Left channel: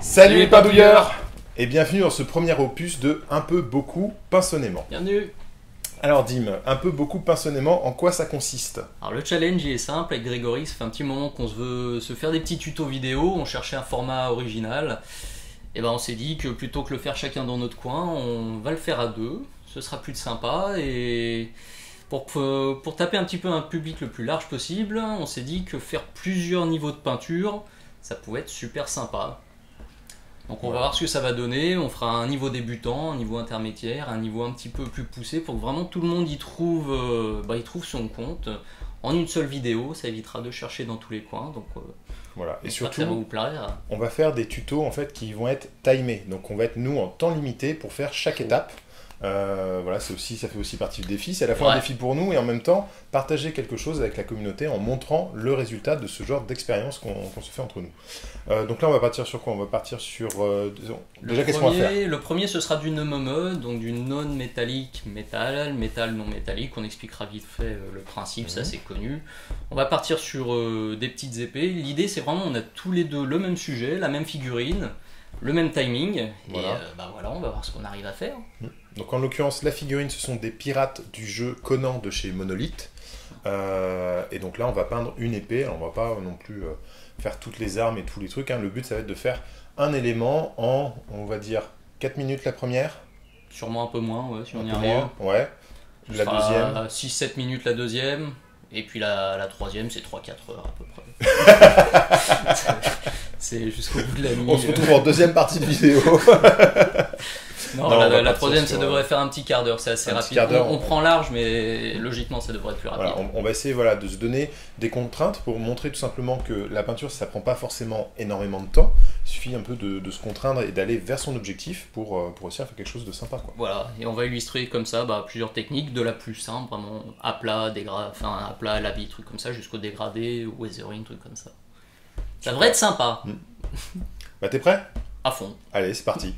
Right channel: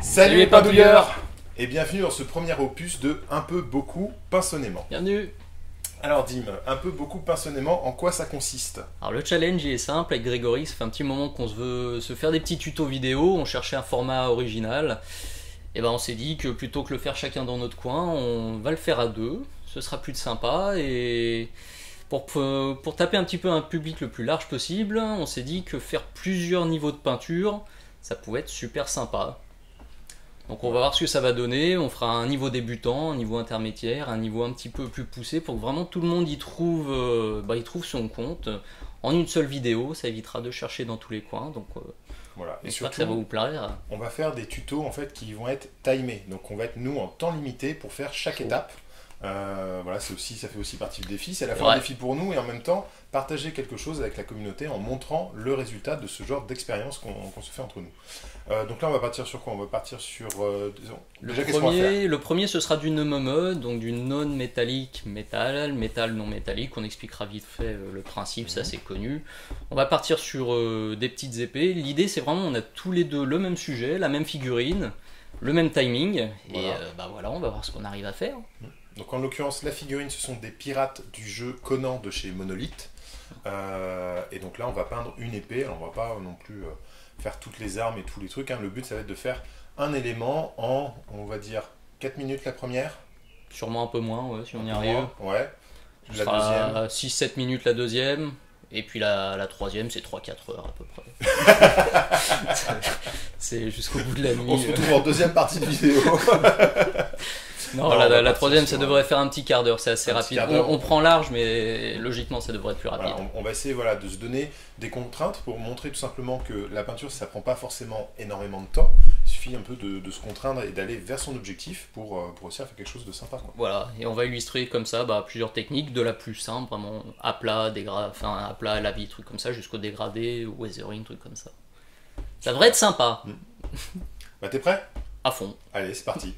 Salut les pindouilleurs et bienvenue dans ce premier opus de Un peu beaucoup pinçonnément. Bienvenue. Alors Dim, un peu beaucoup pinçonnément, en quoi ça consiste? Alors le challenge il est simple, avec Grégory, ça fait un petit moment qu'on veut se faire des petits tutos vidéo, on cherchait un format original, et ben on s'est dit que plutôt que le faire chacun dans notre coin, on va le faire à deux, ce sera plus de sympa, et pour taper un petit peu un public le plus large possible, on s'est dit que faire plusieurs niveaux de peinture, ça pouvait être super sympa. Donc on va voir ce que ça va donner, on fera un niveau débutant, un niveau intermédiaire, un niveau un petit peu plus poussé pour que vraiment tout le monde y trouve son compte en une seule vidéo, ça évitera de chercher dans tous les coins. Donc voilà. Et surtout, ça va vous plaire. On va faire des tutos en fait qui vont être timés, donc on va être nous en temps limité pour faire chaque étape. Voilà, ça fait aussi partie du défi, c'est à la fois un défi pour nous et en même temps partager quelque chose avec la communauté en montrant le résultat de ce genre d'expérience qu'on se fait entre nous. Donc là on va partir sur quoi? On va partir sur déjà qu'est-ce qu'on va faire? Le premier ce sera du NMME, donc du non métallique métal non métallique, on expliquera vite fait le principe, ça c'est connu. On va partir sur des petites épées, l'idée c'est vraiment on a tous les deux le même sujet, la même figurine, le même timing, voilà. Et voilà, on va voir ce qu'on arrive à faire. Donc en l'occurrence, la figurine, ce sont des pirates du jeu Conan de chez Monolith. Et donc là, on va peindre une épée. Alors, on va pas non plus faire toutes les armes et tous les trucs. Hein. Le but, ça va être de faire un élément en, on va dire, 4 minutes la première. Sûrement un peu moins, ouais, si on y arrive. Ouais. La deuxième. 6-7 minutes la deuxième. Et puis la troisième, c'est 3-4 heures à peu près. C'est jusqu'au bout de la nuit. On se retrouve en deuxième partie de vidéo. Non, la troisième, ça devrait faire un petit quart d'heure, c'est assez rapide. On prend large, mais logiquement, ça devrait être plus rapide. Voilà, on va essayer de se donner des contraintes pour montrer tout simplement que la peinture, ça prend pas forcément énormément de temps. Il suffit un peu de se contraindre et d'aller vers son objectif pour réussir à faire quelque chose de sympa, quoi. Voilà, et on va illustrer comme ça plusieurs techniques, de la plus simple, vraiment à plat, à plat, à la vie, trucs comme ça, jusqu'au dégradé, weathering, trucs comme ça. Ça devrait être sympa. T'es prêt? À fond. Allez, c'est parti.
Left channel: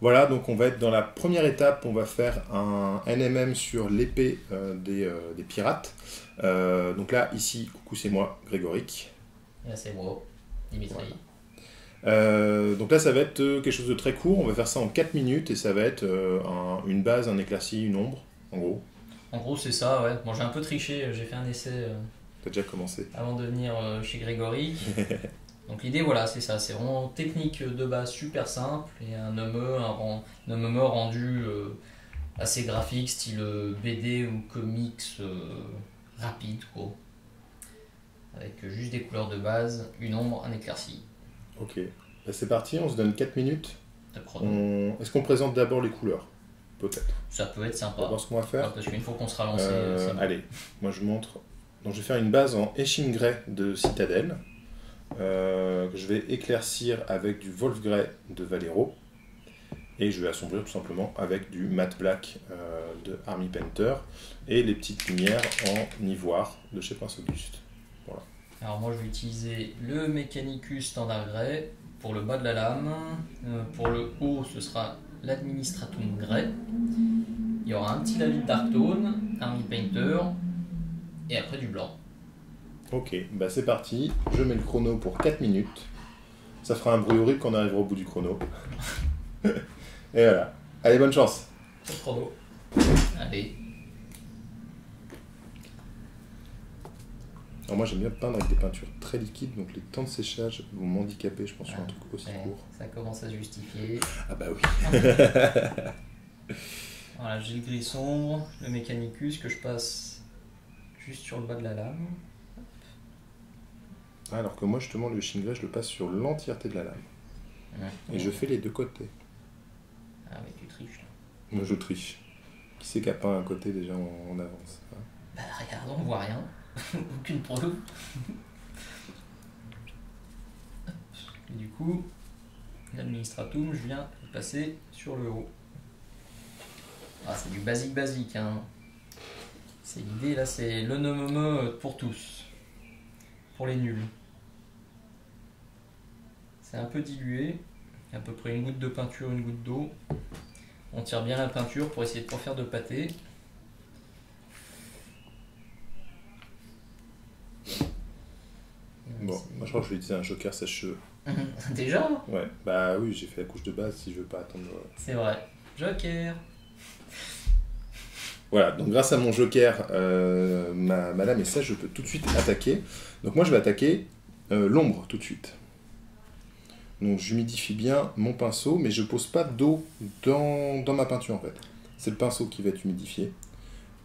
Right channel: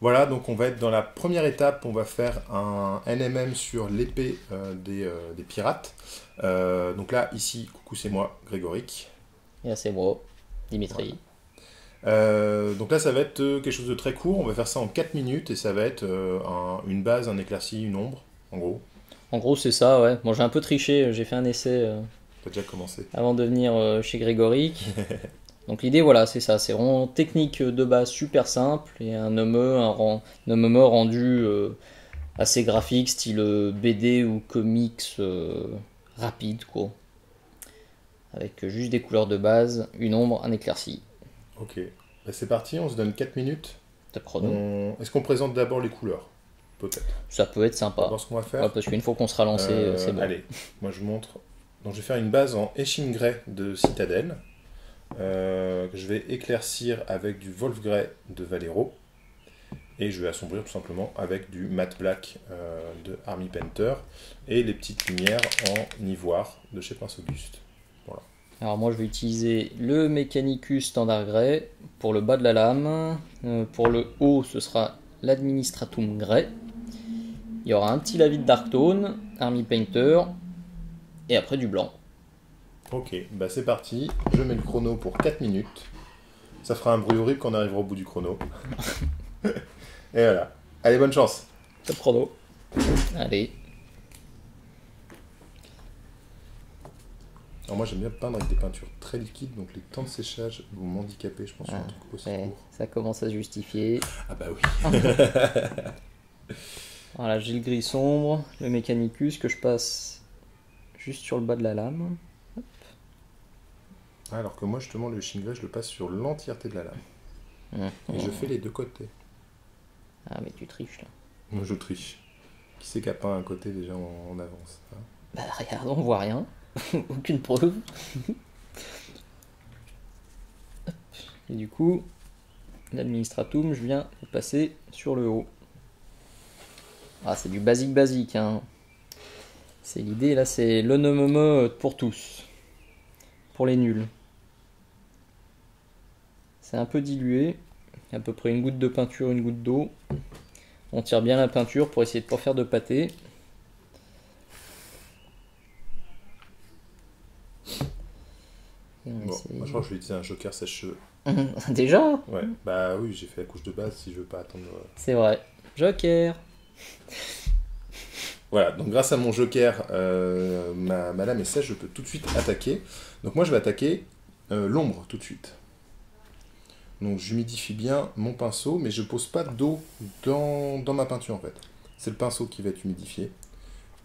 Voilà, donc on va être dans la première étape, on va faire un NMM sur l'épée des pirates. Donc là, ici, coucou, c'est moi, Grégoric. Et là, c'est moi, Dimitri. Voilà. Donc là, ça va être quelque chose de très court, on va faire ça en 4 minutes et ça va être une base, un éclairci, une ombre, en gros. En gros, c'est ça, ouais. Bon, j'ai un peu triché, j'ai fait un essai. T'as déjà commencé. Avant de venir chez Grégoric. Donc l'idée, voilà, c'est ça, c'est vraiment technique de base super simple et un NME rendu assez graphique, style BD ou comics rapide, quoi. Avec juste des couleurs de base, une ombre, un éclairci. Ok, c'est parti, on se donne 4 minutes. Est-ce qu'on présente d'abord les couleurs? Peut-être. Ça peut être sympa. On va voir ce qu'on va faire. Ouais, parce qu'une fois qu'on sera lancé, c'est bon. Allez, moi je montre. Donc je vais faire une base en Etching Grey de Citadel. Que je vais éclaircir avec du Wolf Grey de Valero et je vais assombrir tout simplement avec du Matte Black de Army Painter et les petites lumières en ivoire de chez Prince Auguste. Voilà. Alors moi je vais utiliser le Mechanicus Standard Grey pour le bas de la lame, pour le haut ce sera l'Administratum Grey, il y aura un petit Lavis Dark Tone, Army Painter et après du blanc. Ok, c'est parti, je mets le chrono pour 4 minutes. Ça fera un bruit horrible quand on arrivera au bout du chrono. Et voilà. Allez, bonne chance. Top chrono. Allez. Alors moi j'aime bien peindre avec des peintures très liquides, donc les temps de séchage vont m'handicaper, je pense, sur un truc aussi court. Ça commence à se justifier. Ah bah oui. Voilà, j'ai le gris sombre, le Mechanicus que je passe juste sur le bas de la lame. Alors que moi, justement, le Etching Grey, je le passe sur l'entièreté de la lame. Et je fais les deux côtés. Ah, mais tu triches, là. Moi, je triche. Qui c'est qui a peint un côté déjà en avance, hein? Regarde, on voit rien. Aucune preuve. Et du coup, l'Administratum, je viens de passer sur le haut. Ah, c'est du basique, hein. C'est l'idée, là, c'est le NME pour tous. Pour les nuls. C'est un peu dilué, à peu près une goutte de peinture, une goutte d'eau. On tire bien la peinture pour essayer de ne pas faire de pâté. Je crois que je vais utiliser un joker sèche-cheveux. Déjà? Ouais, bah oui, j'ai fait la couche de base si je veux pas attendre. C'est vrai. Joker. Voilà, donc grâce à mon joker, ma lame est sèche, je peux tout de suite attaquer. Donc moi je vais attaquer l'ombre tout de suite. Donc j'humidifie bien mon pinceau, mais je pose pas d'eau dans ma peinture en fait. C'est le pinceau qui va être humidifié.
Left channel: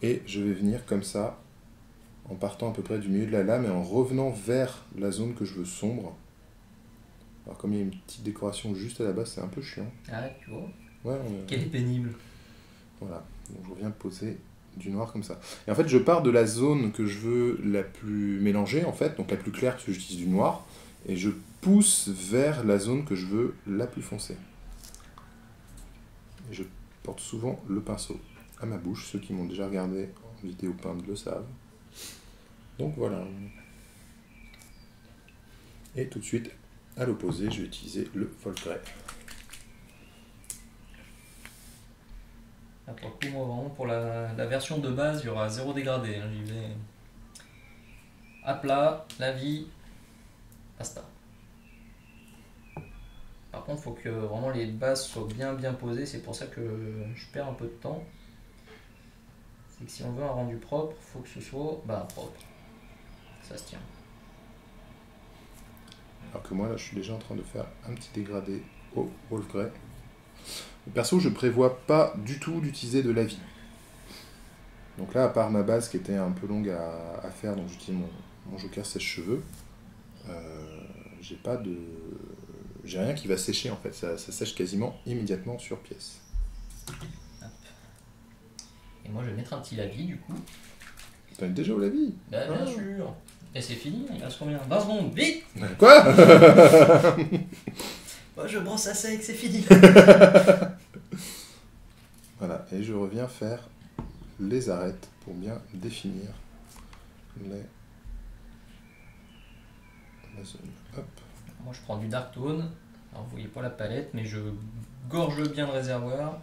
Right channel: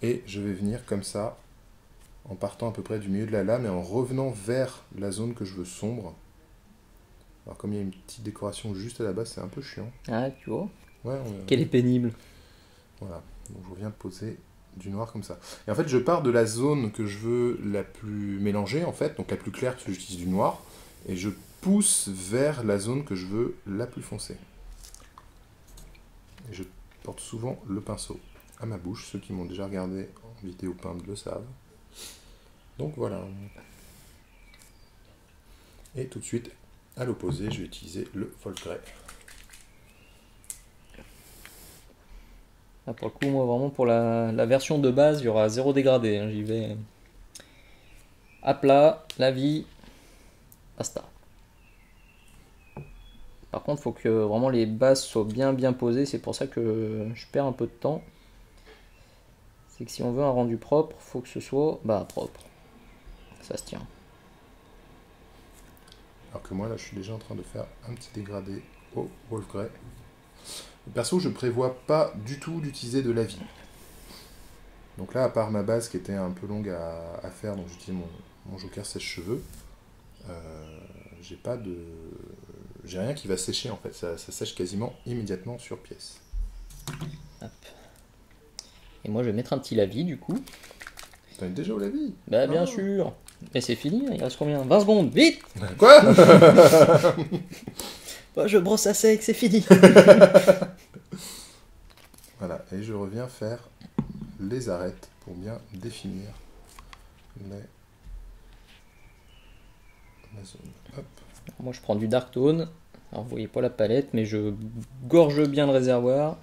Et je vais venir comme ça, en partant à peu près du milieu de la lame et en revenant vers la zone que je veux sombre. Alors comme il y a une petite décoration juste à la base, c'est un peu chiant. Ah, tu vois. Ouais, Qu'elle est pénible. Voilà, donc je viens poser du noir comme ça. Et en fait, je pars de la zone que je veux la plus mélangée, en fait, donc la plus claire, parce que j'utilise du noir, et je pousse vers la zone que je veux la plus foncée. Et je porte souvent le pinceau à ma bouche, ceux qui m'ont déjà regardé en vidéo peinte le savent. Donc voilà. Et tout de suite, à l'opposé, je vais utiliser le Volgrey. Là, pour le coup, moi, vraiment, pour la version de base, il y aura 0 dégradé. Hein. J'y vais à plat, la vie, basta. Par contre, il faut que vraiment les bases soient bien posées. C'est pour ça que je perds un peu de temps. C'est que si on veut un rendu propre, il faut que ce soit propre. Ça se tient. Alors que moi, là, je suis déjà en train de faire un petit dégradé au Wolfgrey. Perso, je prévois pas du tout d'utiliser de la vie. Donc là, à part ma base qui était un peu longue à faire, donc j'utilise mon joker sèche-cheveux, j'ai rien qui va sécher en fait, ça sèche quasiment immédiatement sur pièce. Hop. Et moi, je vais mettre un petit lavis du coup. T'en es déjà au lavis? Bah, bien sûr. Et c'est fini, il reste combien? 20 secondes, vite! Quoi? Bah, je brosse à sec, c'est fini. Voilà, et je reviens faire les arêtes pour bien définir la zone. Hop. Moi, je prends du Dark Tone. Alors, vous voyez pas la palette, mais je gorge bien le réservoir.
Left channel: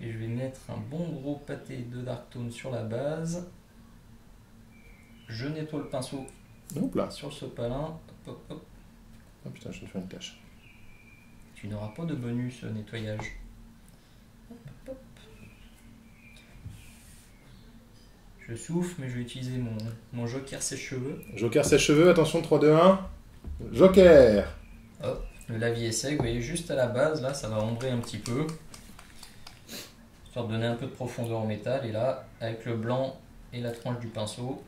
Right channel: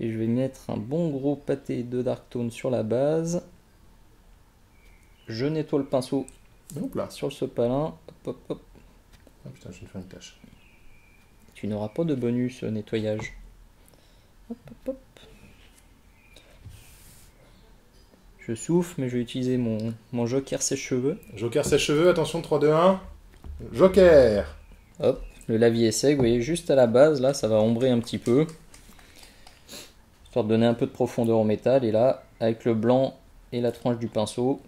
Et je vais mettre un bon gros pâté de Dark Tone sur la base. Je nettoie le pinceau Hop là. sur le sopalin. Hop, hop, hop. Ah putain, je viens de faire une tâche. Tu n'auras pas de bonus nettoyage. Hop, hop, hop. Je souffle, mais je vais utiliser mon joker sèche-cheveux. Joker sèche-cheveux, attention, 3, 2, 1. Joker! Hop, le lavis est sec, vous voyez, juste à la base, là, ça va ombrer un petit peu. Histoire de donner un peu de profondeur au métal. Et là, avec le blanc et la tranche du pinceau,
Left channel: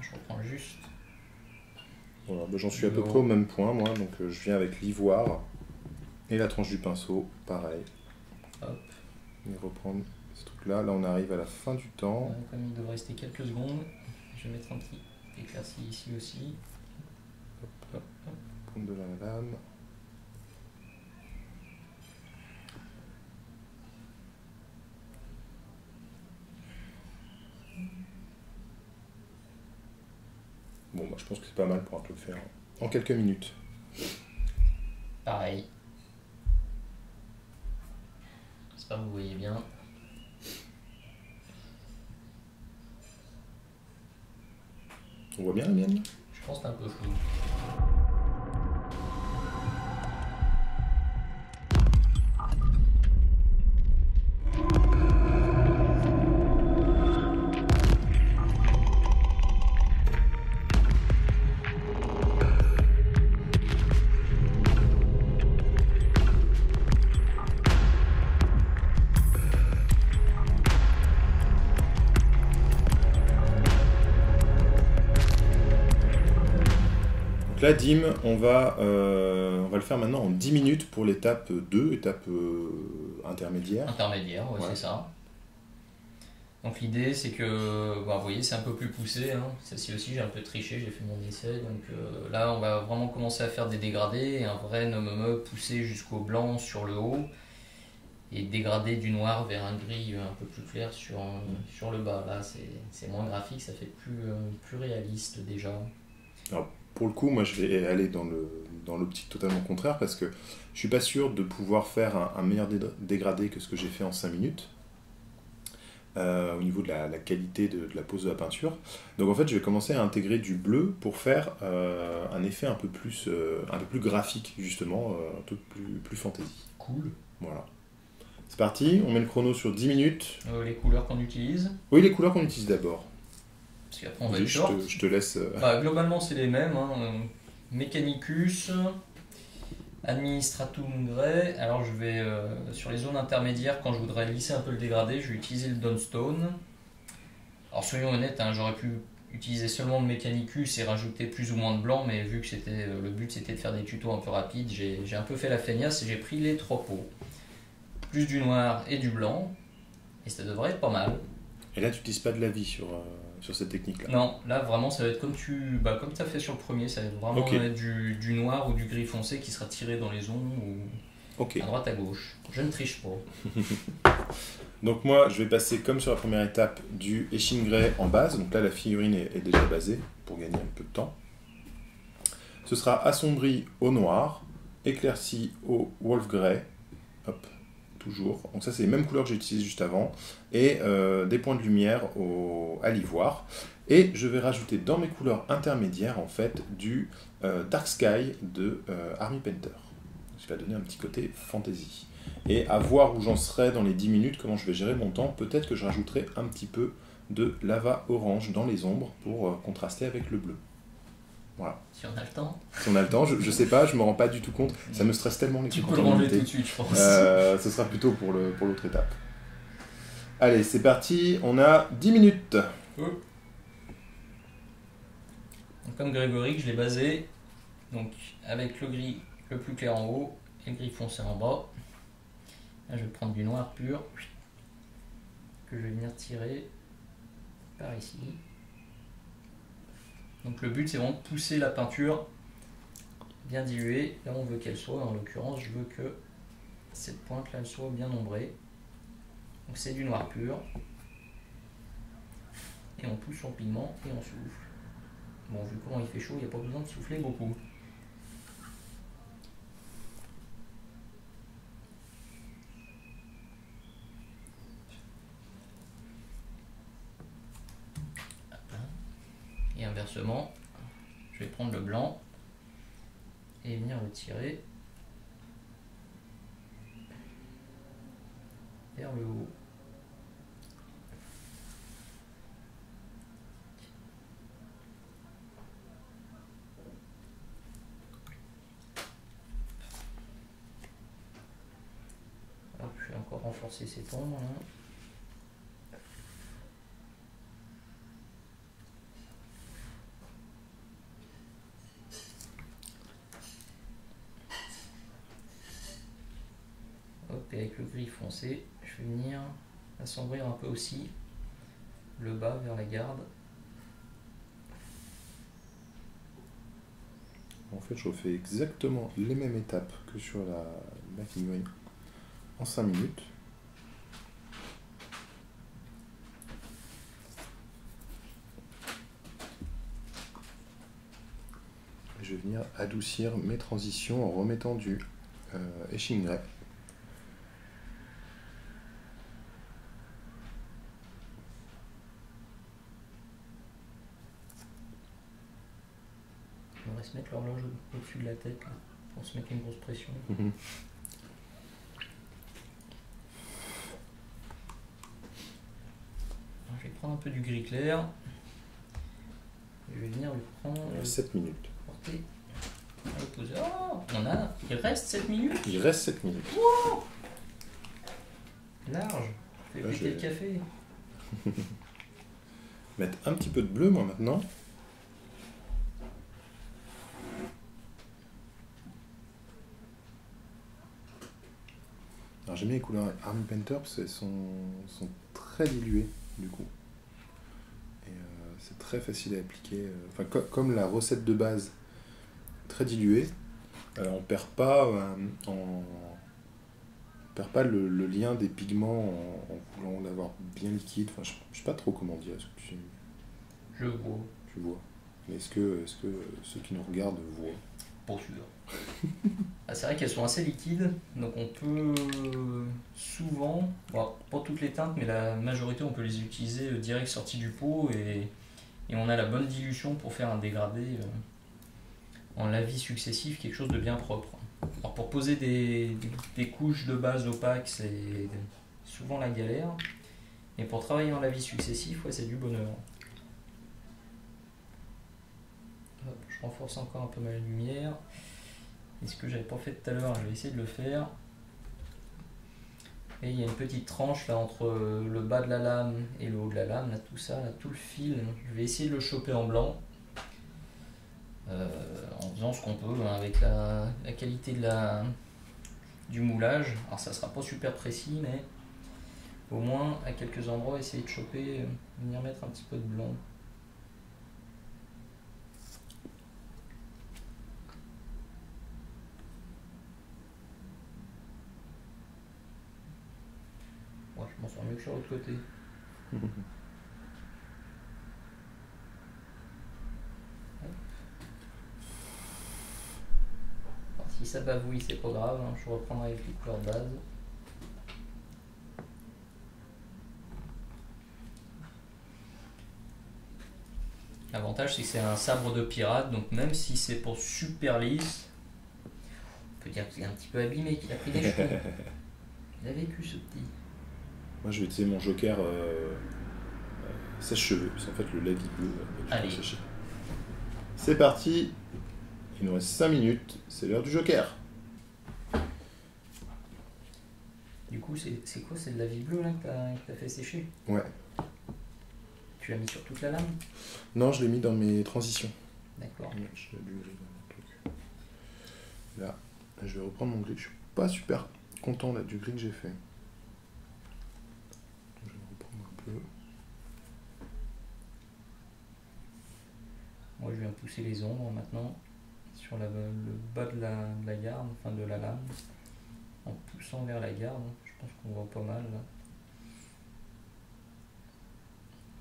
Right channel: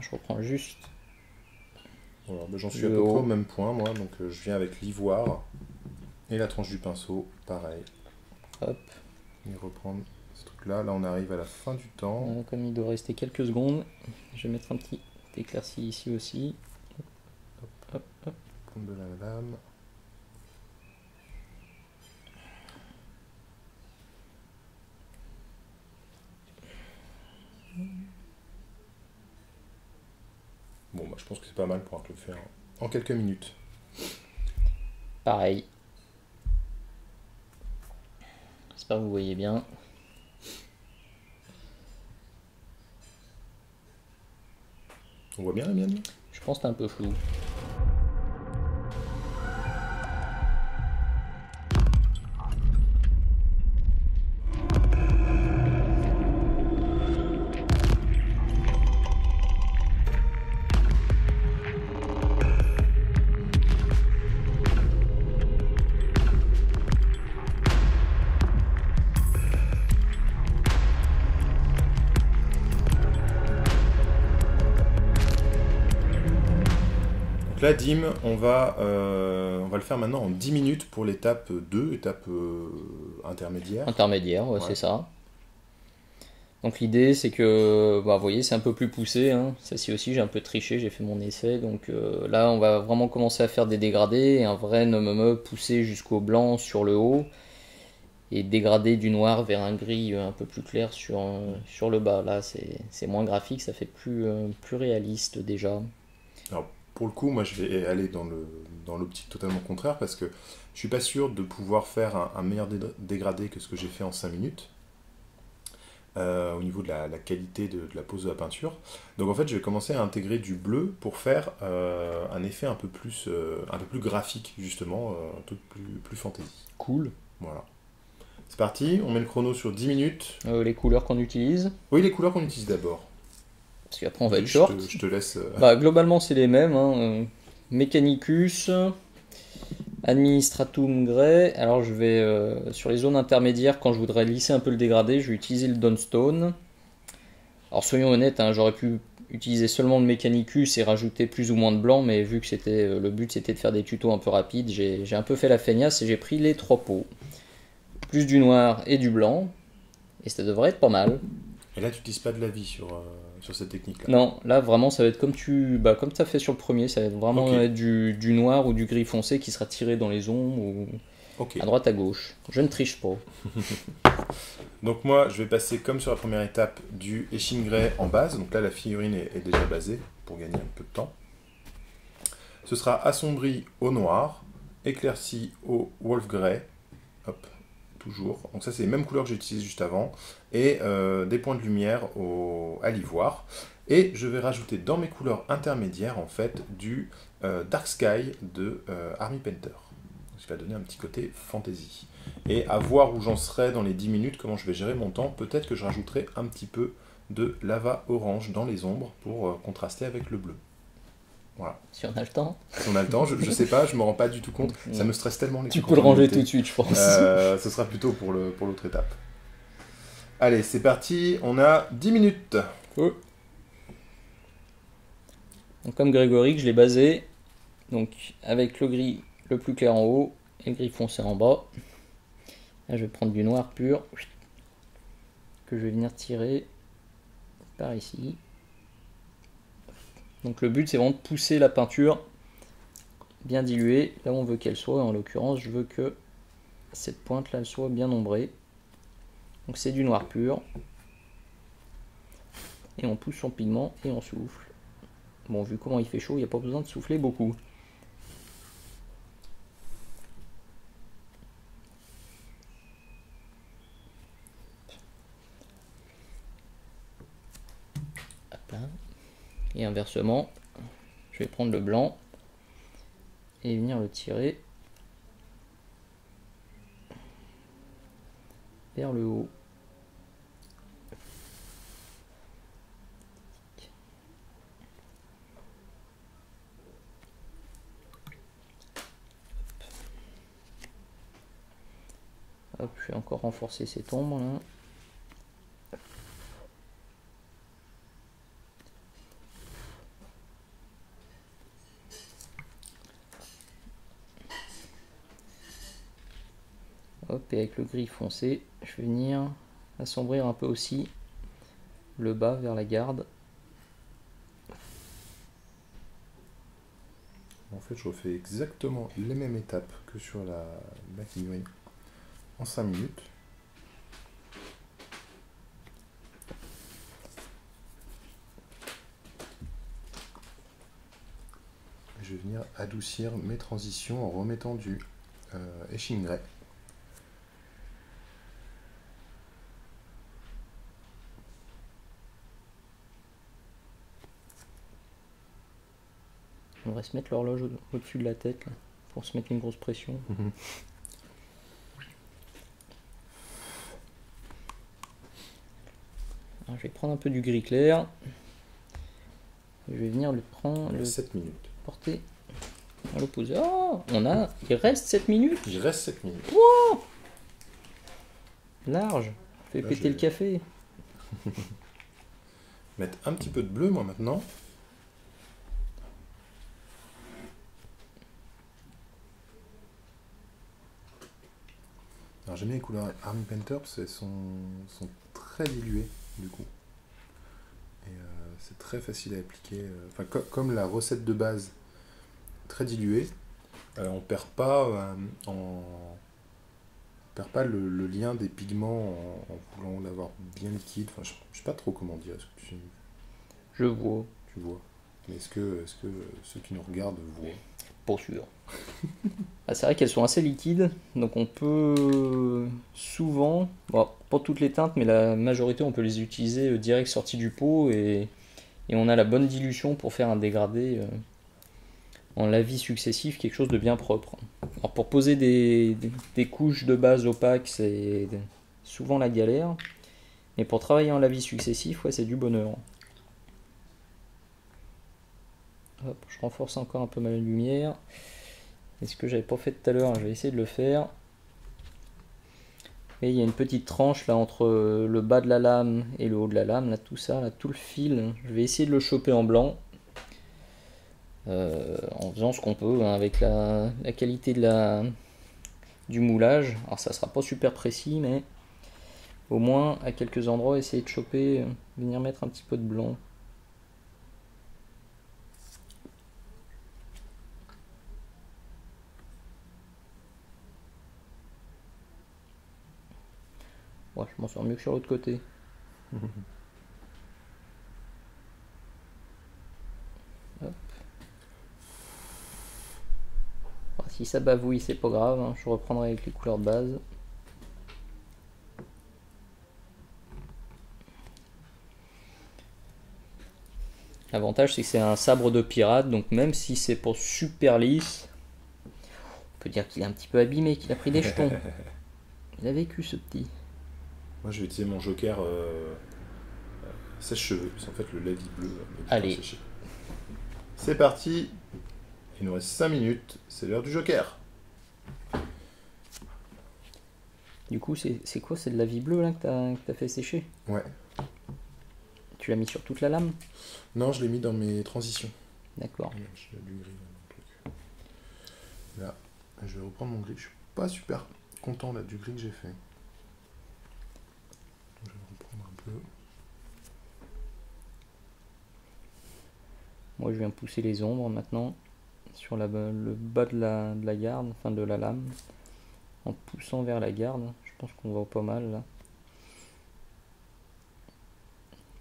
je reprends juste. Voilà, bah j'en suis à peu près au même point, moi. Donc je viens avec l'ivoire et la tranche du pinceau, pareil. Hop. Et reprendre ce truc-là. Là, on arrive à la fin du temps. Comme il doit rester quelques secondes, je vais mettre un petit éclairci ici aussi. Hop, hop, hop. Prendre de la lame. Bon, bah, je pense que c'est pas mal pour le faire en quelques minutes. Pareil. J'espère que vous voyez bien. On voit bien la mienne? Je pense que c'est un peu flou. Là, Dim, on va le faire maintenant en 10 minutes pour l'étape 2, étape intermédiaire. Intermédiaire, ouais, c'est ça. Donc l'idée, c'est que, vous voyez, c'est un peu plus poussé. Hein. Ça-ci aussi, j'ai un peu triché, j'ai fait mon essai. Donc là, on va vraiment commencer à faire des dégradés, et un vrai nomme poussé jusqu'au blanc sur le haut, et dégrader du noir vers un gris un peu plus clair sur le bas. Là, c'est moins graphique, ça fait plus réaliste déjà. Alors, pour le coup, moi je vais aller dans l'optique totalement contraire parce que je suis pas sûr de pouvoir faire un meilleur dégradé que ce que j'ai fait en 5 minutes. au niveau de la qualité de la pose de la peinture. Donc en fait, je vais commencer à intégrer du bleu pour faire un effet un peu plus graphique, justement, un peu plus fantasy. Cool. Voilà. C'est parti, on met le chrono sur 10 minutes. Les couleurs qu'on utilise. Oui, les couleurs qu'on utilise d'abord. Parce qu'après on va Oui, être short. je te laisse... Bah, globalement c'est les mêmes. Hein. Mechanicus, Administratum Grey. Alors je vais sur les zones intermédiaires, quand je voudrais lisser un peu le dégradé, je vais utiliser le Dunstone. Alors soyons honnêtes, hein, j'aurais pu utiliser seulement le Mechanicus et rajouter plus ou moins de blanc, mais vu que c'était le but c'était de faire des tutos un peu rapides, j'ai un peu fait la feignasse et j'ai pris les 3 pots. Plus du noir et du blanc, et ça devrait être pas mal. Et là, tu n'utilises pas de la vie sur cette technique-là. Non, là vraiment ça va être comme tu as fait sur le premier, ça va être vraiment être du noir ou du gris foncé qui sera tiré dans les ombres ou à droite à gauche. Je ne triche pas. Donc moi, je vais passer comme sur la première étape du Etching Grey en base. Donc là, la figurine est déjà basée pour gagner un peu de temps. Ce sera assombri au noir, éclairci au Wolf Grey. Hop, toujours. Donc ça, c'est les mêmes couleurs que j'ai utilisées juste avant. Et des points de lumière à l'ivoire. Et je vais rajouter dans mes couleurs intermédiaires, en fait, du Dark Sky de Army Painter. Ce qui va donner un petit côté fantasy. Et à voir où j'en serai dans les 10 minutes, comment je vais gérer mon temps. Peut-être que je rajouterai un petit peu de lava orange dans les ombres pour contraster avec le bleu. Voilà. Si on a le temps. Si on a le temps, je sais pas, je me rends pas du tout compte. Ça me stresse tellement les trucs. Tu peux le ranger tout de suite, je pense. Ce sera plutôt pour l'autre étape. Allez, c'est parti, on a 10 minutes. Donc, comme Grégory, je l'ai basé donc, avec le gris le plus clair en haut et le gris foncé en bas. Là, je vais prendre du noir pur que je vais venir tirer par ici. Donc le but c'est vraiment de pousser la peinture bien diluée là où on veut qu'elle soit. En l'occurrence, je veux que cette pointe là elle soit bien ombrée. Donc c'est du noir pur. Et on pousse son pigment et on souffle. Bon, vu comment il fait chaud, il n'y a pas besoin de souffler beaucoup. Et inversement, je vais prendre le blanc et venir le tirer vers le haut. Hop, je vais encore renforcer cette ombre là. Hop, et avec le gris foncé, je vais venir assombrir un peu aussi le bas vers la garde. En fait, je refais exactement les mêmes étapes que sur la figurine en 5 minutes. Je vais venir adoucir mes transitions en remettant du Etching Grey. On devrait se mettre l'horloge au-dessus de la tête là, pour se mettre une grosse pression. Alors, je vais prendre un peu du gris clair. Je vais venir le prendre. 7 minutes. Porter à l'opposé. Oh, il reste 7 minutes. Il reste 7 minutes. Wow, large. Je vais péter le café. Mettre un petit peu de bleu, moi, maintenant. Alors j'aime bien les couleurs Army Painter parce qu'elles sont très diluées du coup. Et c'est très facile à appliquer. Enfin, comme la recette de base, très diluée, on perd pas le lien des pigments en voulant l'avoir bien liquide. Enfin, je sais pas trop comment dire. Est-ce que je vois. Tu vois. Mais est-ce que ceux qui nous regardent voient? Pas sûr. Ah, c'est vrai qu'elles sont assez liquides, donc on peut souvent, bon, pas toutes les teintes, mais la majorité, on peut les utiliser direct sorties du pot et on a la bonne dilution pour faire un dégradé en lavis successif, quelque chose de bien propre. Alors pour poser des couches de base opaques, c'est souvent la galère, mais pour travailler en lavis successif, ouais, c'est du bonheur. Hop, je renforce encore un peu ma lumière. Et ce que j'avais pas fait tout à l'heure, je vais essayer de le faire. Et il y a une petite tranche là entre le bas de la lame et le haut de la lame, là tout ça, là tout le fil. Je vais essayer de le choper en blanc. En faisant ce qu'on peut hein, avec la qualité du moulage. Alors ça sera pas super précis, mais au moins à quelques endroits essayer de choper, venir mettre un petit peu de blanc. Ouais, je m'en sors mieux que sur l'autre côté. Alors, si ça bavouille, c'est pas grave, hein, je reprendrai avec les couleurs de base. L'avantage c'est que c'est un sabre de pirate, donc même si c'est pas super lisse, on peut dire qu'il est un petit peu abîmé, qu'il a pris des jetons. Il a vécu ce petit. Moi, je vais utiliser mon joker sèche-cheveux. C'est en fait le lavis bleu. Allez. C'est parti. Il nous reste 5 minutes. C'est l'heure du joker. Du coup, c'est quoi? C'est de la vie bleue là que t'as fait sécher? Ouais. Tu l'as mis sur toute la lame? Non, je l'ai mis dans mes transitions. D'accord. J'ai du gris dans mon truc. Là, je vais reprendre mon gris. Je suis pas super content là du gris que j'ai fait. Je vais reprendre un peu. Moi, je viens pousser les ombres maintenant sur le bas de la garde, enfin de la lame, en poussant vers la garde. Je pense qu'on voit pas mal là.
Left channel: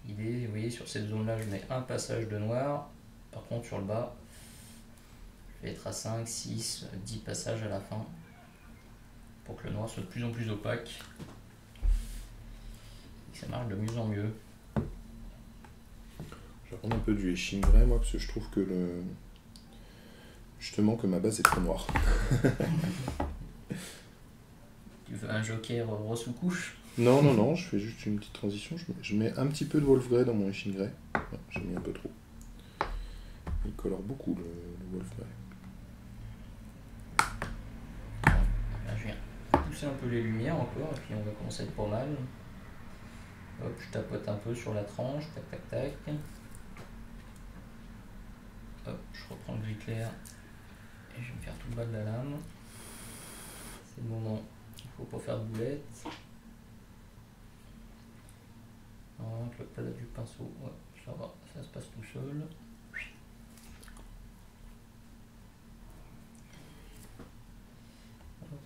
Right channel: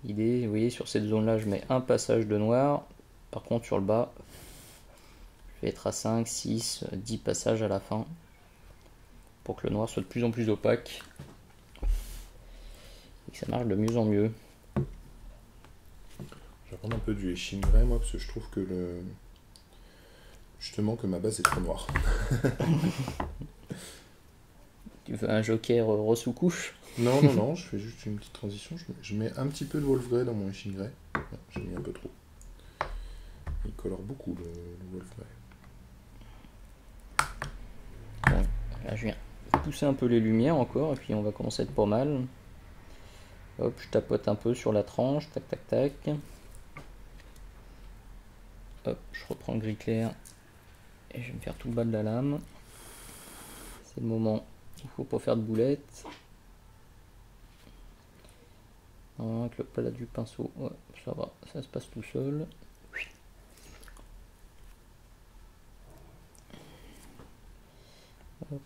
L'idée, vous voyez, sur cette zone là, je mets un passage de noir. Par contre, sur le bas, je vais être à 5, 6, 10 passages à la fin pour que le noir soit de plus en plus opaque et que ça marche de mieux en mieux. Je vais prendre un peu du Eshingray moi parce que je trouve que justement que ma base est trop noire. Tu veux un joker rose sous couche? Non, non, non, je fais juste une petite transition. Je mets un petit peu de Wolf Grey dans mon Eshingray. Ouais, j'ai mis un peu trop. Il colore beaucoup le Wolf Grey. Bon, là, je viens pousser un peu les lumières encore et puis on va commencer à être pas mal. Hop, je tapote un peu sur la tranche, tac tac tac. Hop, je reprends le gris clair et je vais me faire tout le bas de la lame. C'est le moment, il faut pas faire de boulettes. Avec le plat du pinceau, ouais, ça va, ça se passe tout seul. Hop,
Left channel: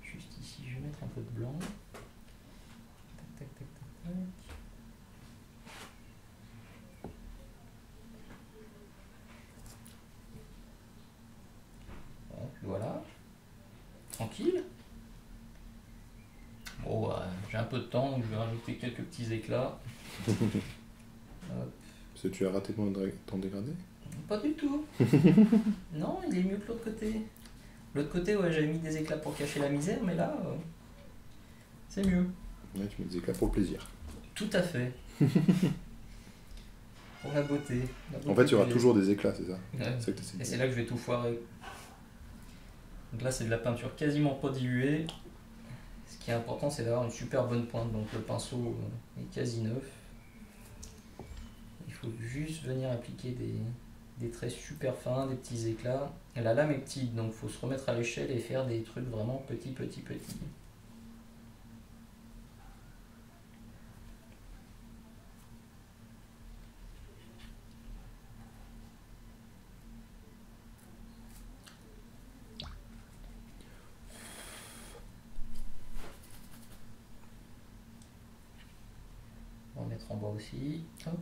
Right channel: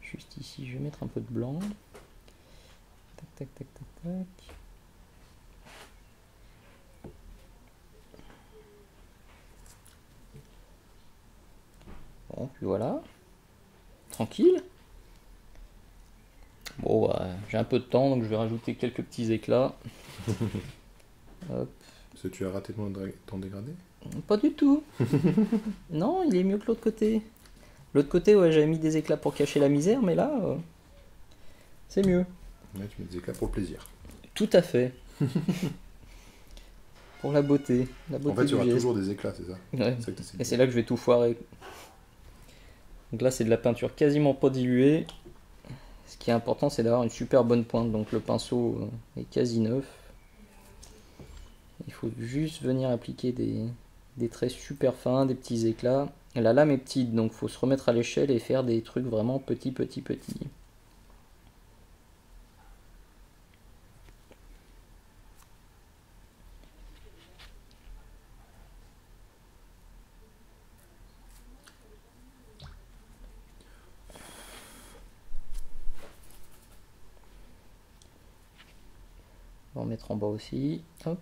juste ici, je vais mettre un peu de blanc. Tac tac tac tac tac. Bon, puis voilà. Tranquille. Bon, bah, j'ai un peu de temps, donc je vais rajouter quelques petits éclats. Hop. Parce que tu as raté ton dégradé? Pas du tout. Non, il est mieux que l'autre côté. L'autre côté, ouais, j'avais mis des éclats pour cacher la misère, mais là, c'est mieux. Là, tu mets des éclats pour le plaisir. Tout à fait. Pour la beauté. En fait, il y aura toujours des éclats, c'est ça? Ouais. C'est ça que Et c'est là que je vais tout foirer. Donc là, c'est de la peinture quasiment pas diluée. Ce qui est important, c'est d'avoir une super bonne pointe. Donc le pinceau est quasi neuf. Il faut juste venir appliquer des traits super fins, des petits éclats. Et la lame est petite, donc il faut se remettre à l'échelle et faire des trucs vraiment petits. On va en mettre en bas aussi. Hop,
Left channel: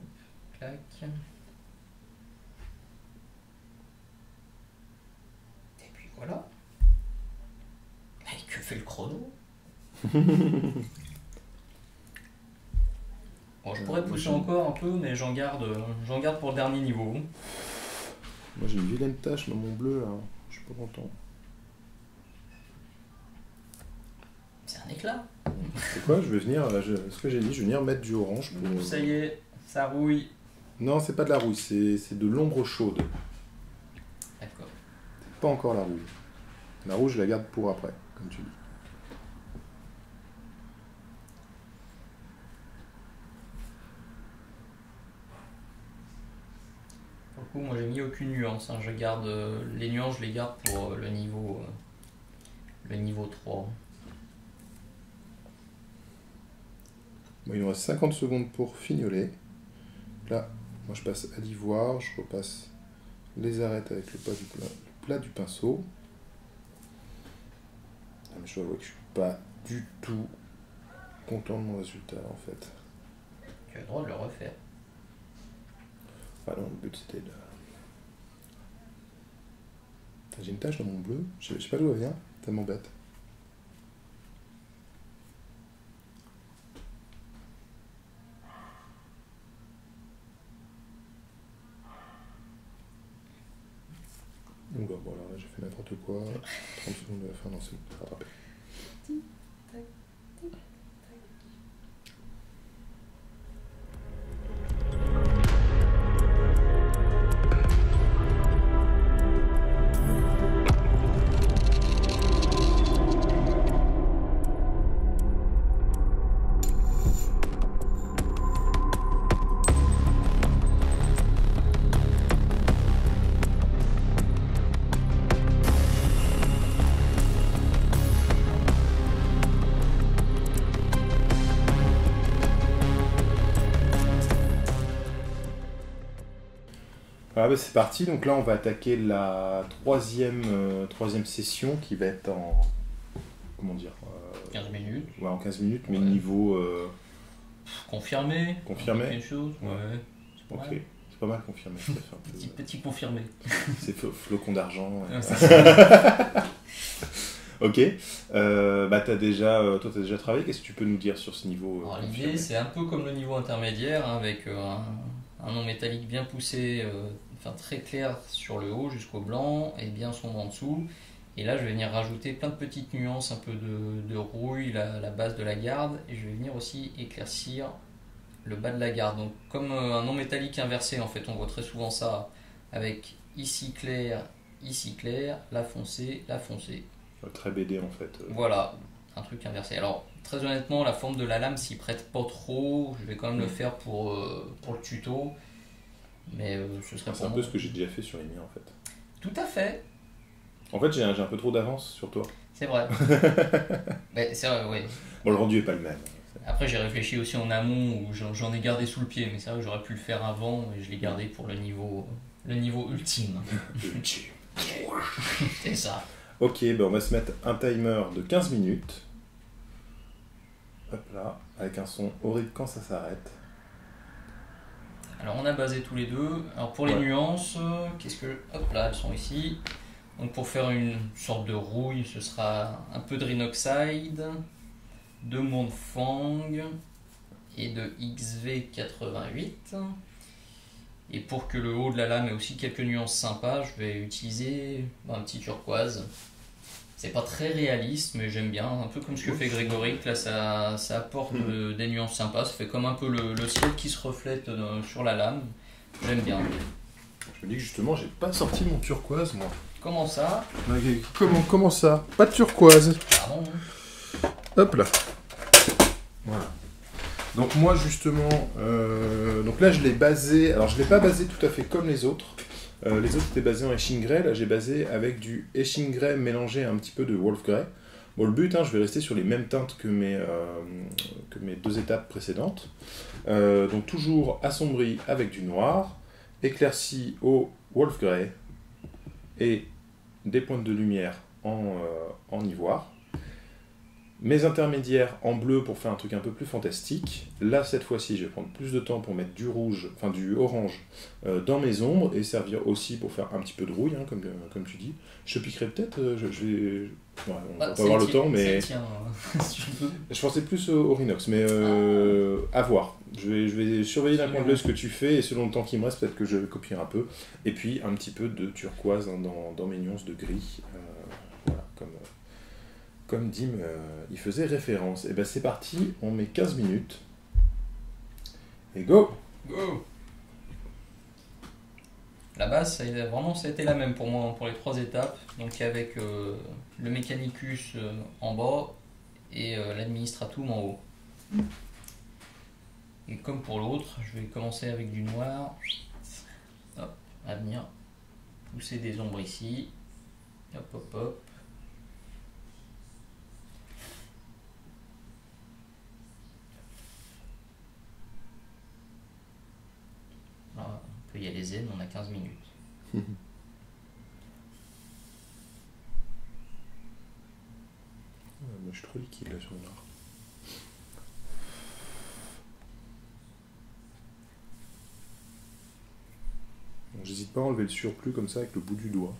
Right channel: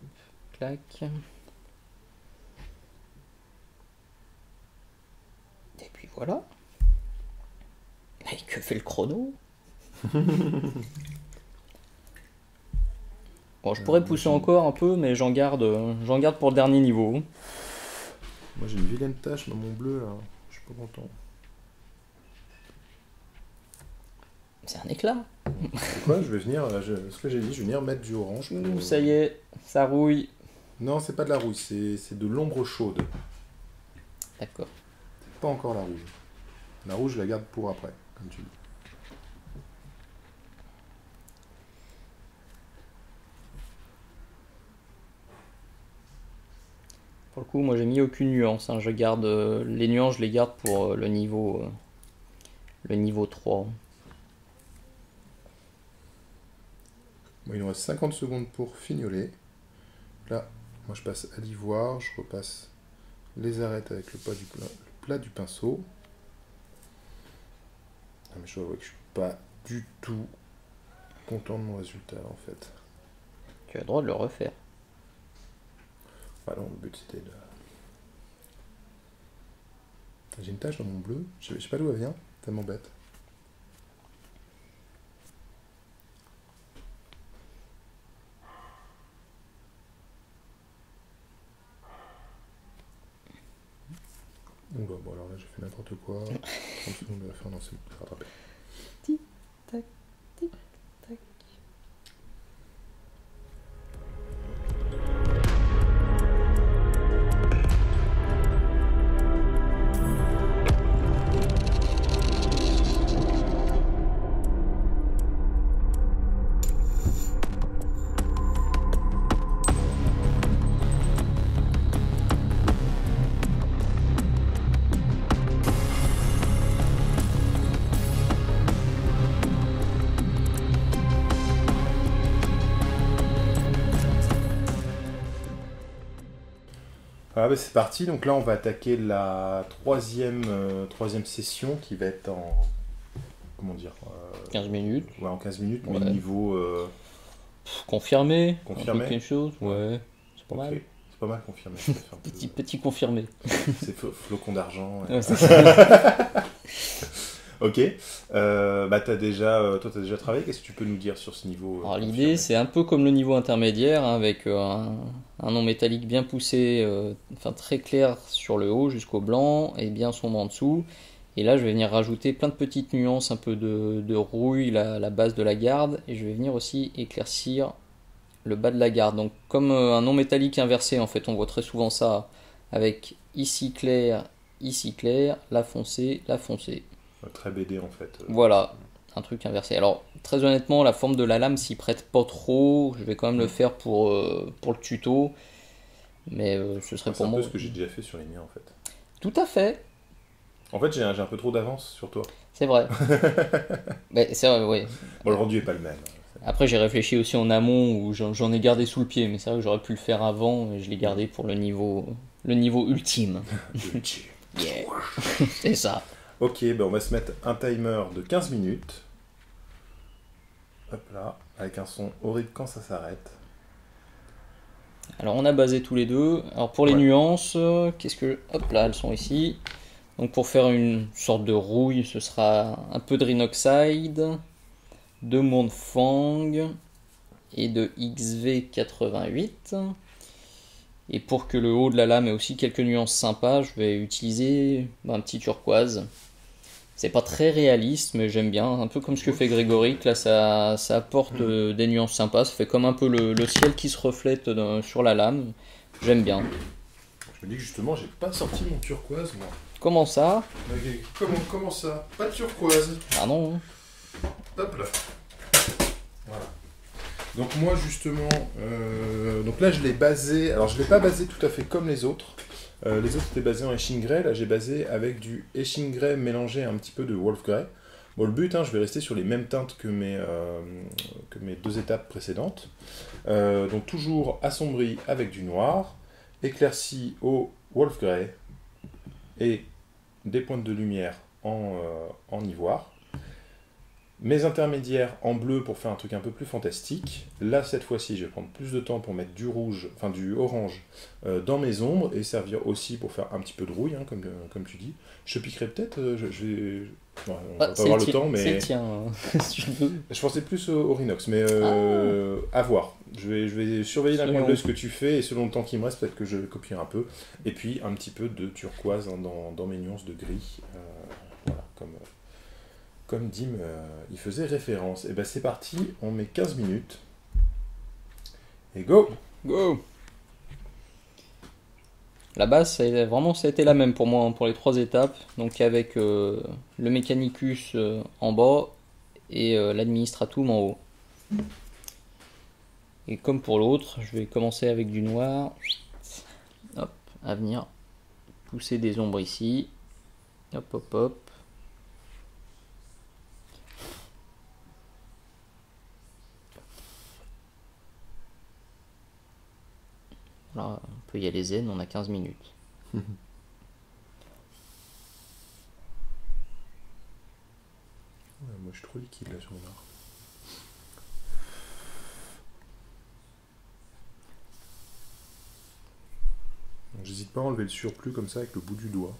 clac. Et puis voilà. Mais que fait le chrono? Bon, je pourrais pousser encore un peu, mais j'en garde pour le dernier niveau. Moi j'ai une vilaine tache dans mon bleu là, je suis pas content. C'est un éclat. C'est quoi? Je vais venir, ce que j'ai dit, je vais venir mettre du orange. Pour... Ça y est, ça rouille. Non, c'est pas de la rouille, c'est de l'ombre chaude. D'accord. C'est pas encore la rouge. La rouge, je la garde pour après, comme tu dis. Pour le coup, moi j'ai mis aucune nuance. Hein. Je garde les nuances, je les garde pour le niveau 3. Bon, il nous reste 50 secondes pour fignoler. Là, moi je passe à l'ivoire, je repasse les arêtes avec le plat du pinceau. Ah, mais je dois avouer que je suis pas du tout content de mon résultat en fait. Tu as le droit de le refaire. Ah non, le but c'était de... J'ai une tache dans mon bleu, je sais pas d'où elle vient, ça m'embête. Oula, bon alors là j'ai fait n'importe quoi. 30 secondes de la fin, non c'est bon, c'est rattrapé. Tic, tac, tic, tac. Ah bah c'est parti, donc là on va attaquer la troisième session qui va être en... Comment dire 15 minutes. Ouais, en 15 minutes, mais Ouais. niveau... Confirmé. Confirmé. Quelque chose. Ouais. C'est pas Ok, mal. c'est pas mal confirmé. Je préfère un peu- Petit confirmé. C'est flocon d'argent. Ouais. Ouais, c'est ça. Ok, bah toi t'as déjà travaillé, qu'est-ce que tu peux nous dire sur ce niveau Alors, confirmé l'idée, c'est un peu comme le niveau intermédiaire, hein, avec un nom métallique bien poussé, enfin très clair sur le haut jusqu'au blanc et bien sombre en dessous. Et là, je vais venir rajouter plein de petites nuances, un peu de rouille, la base de la garde, et je vais venir aussi éclaircir le bas de la garde. Donc, comme un nom métallique inversé, en fait, on voit très souvent ça avec ici clair, là foncé, là foncé. Très BD en fait. Voilà, un truc inversé. Alors, très honnêtement, la forme de la lame s'y prête pas trop. Je vais quand même le faire pour le tuto. Mais ce serait C'est pour un moi. peu ce que j'ai déjà fait sur les miens en fait. Tout à fait, En fait j'ai un peu trop d'avance sur toi. c'est vrai. Mais c'est vrai, ouais. Bon, le rendu est pas le même. Après, j'ai réfléchi aussi en amont où j'en ai gardé sous le pied. Mais c'est vrai que j'aurais pu le faire avant et je l'ai gardé pour le niveau ultime. Yeah. C'est ça. Ok, bah on va se mettre un timer de 15 minutes. Hop là, avec un son horrible quand ça s'arrête. Alors on a basé tous les deux. Alors pour les Ouais. nuances, qu'est-ce que... Hop là, elles sont ici. Donc pour faire une sorte de rouille, ce sera un peu de Rhinoxide, de Montfang et de XV88. Et pour que le haut de la lame ait aussi quelques nuances sympas, je vais utiliser un petit turquoise. C'est pas très réaliste, mais j'aime bien. Un peu comme ce que fait Grégory, là ça apporte des nuances sympas. Ça fait comme un peu le ciel qui se reflète sur la lame. J'aime bien. Je me dis que justement j'ai pas sorti mon turquoise moi. Comment ça? Comment ça? Pas de turquoise. Pardon. Hop là. Voilà. Donc moi justement, donc là je l'ai basé, alors je l'ai pas basé tout à fait comme les autres. Les autres étaient basés en Etching Grey, là j'ai basé avec du Etching Grey mélangé à un petit peu de Wolf Grey. Bon le but, je vais rester sur les mêmes teintes que mes deux étapes précédentes. Donc toujours assombri avec du noir, éclairci au Wolf Grey et des pointes de lumière en ivoire. Mes intermédiaires en bleu pour faire un truc un peu plus fantastique. Là, cette fois-ci, je vais prendre plus de temps pour mettre du rouge, enfin du orange dans mes ombres et servir aussi pour faire un petit peu de rouille, hein, comme tu dis. Je piquerai peut-être, je vais... Ouais, on va pas avoir le temps, mais... Tiens, si tu veux. Je pensais plus au Rhinox, mais à voir. Je vais surveiller d'un coin de l'œil ce que tu fais et selon le temps qui me reste, peut-être que je vais copier un peu. Et puis un petit peu de turquoise hein, dans mes nuances de gris. Voilà, comme Dim il faisait référence. Et ben c'est parti, on met 15 minutes. Et go! Go! La base, ça a été la même pour moi pour les 3 étapes. Donc avec le Mechanicus en bas et l'Administratum en haut. Et comme pour l'autre, je vais commencer avec du noir. Hop, à venir pousser des ombres ici. Hop, hop, hop. Là, on peut y aller zen, on a 15 minutes. Ouais, moi je suis trop liquide là sur mon art. J'hésite pas à enlever le surplus comme ça avec le bout du doigt.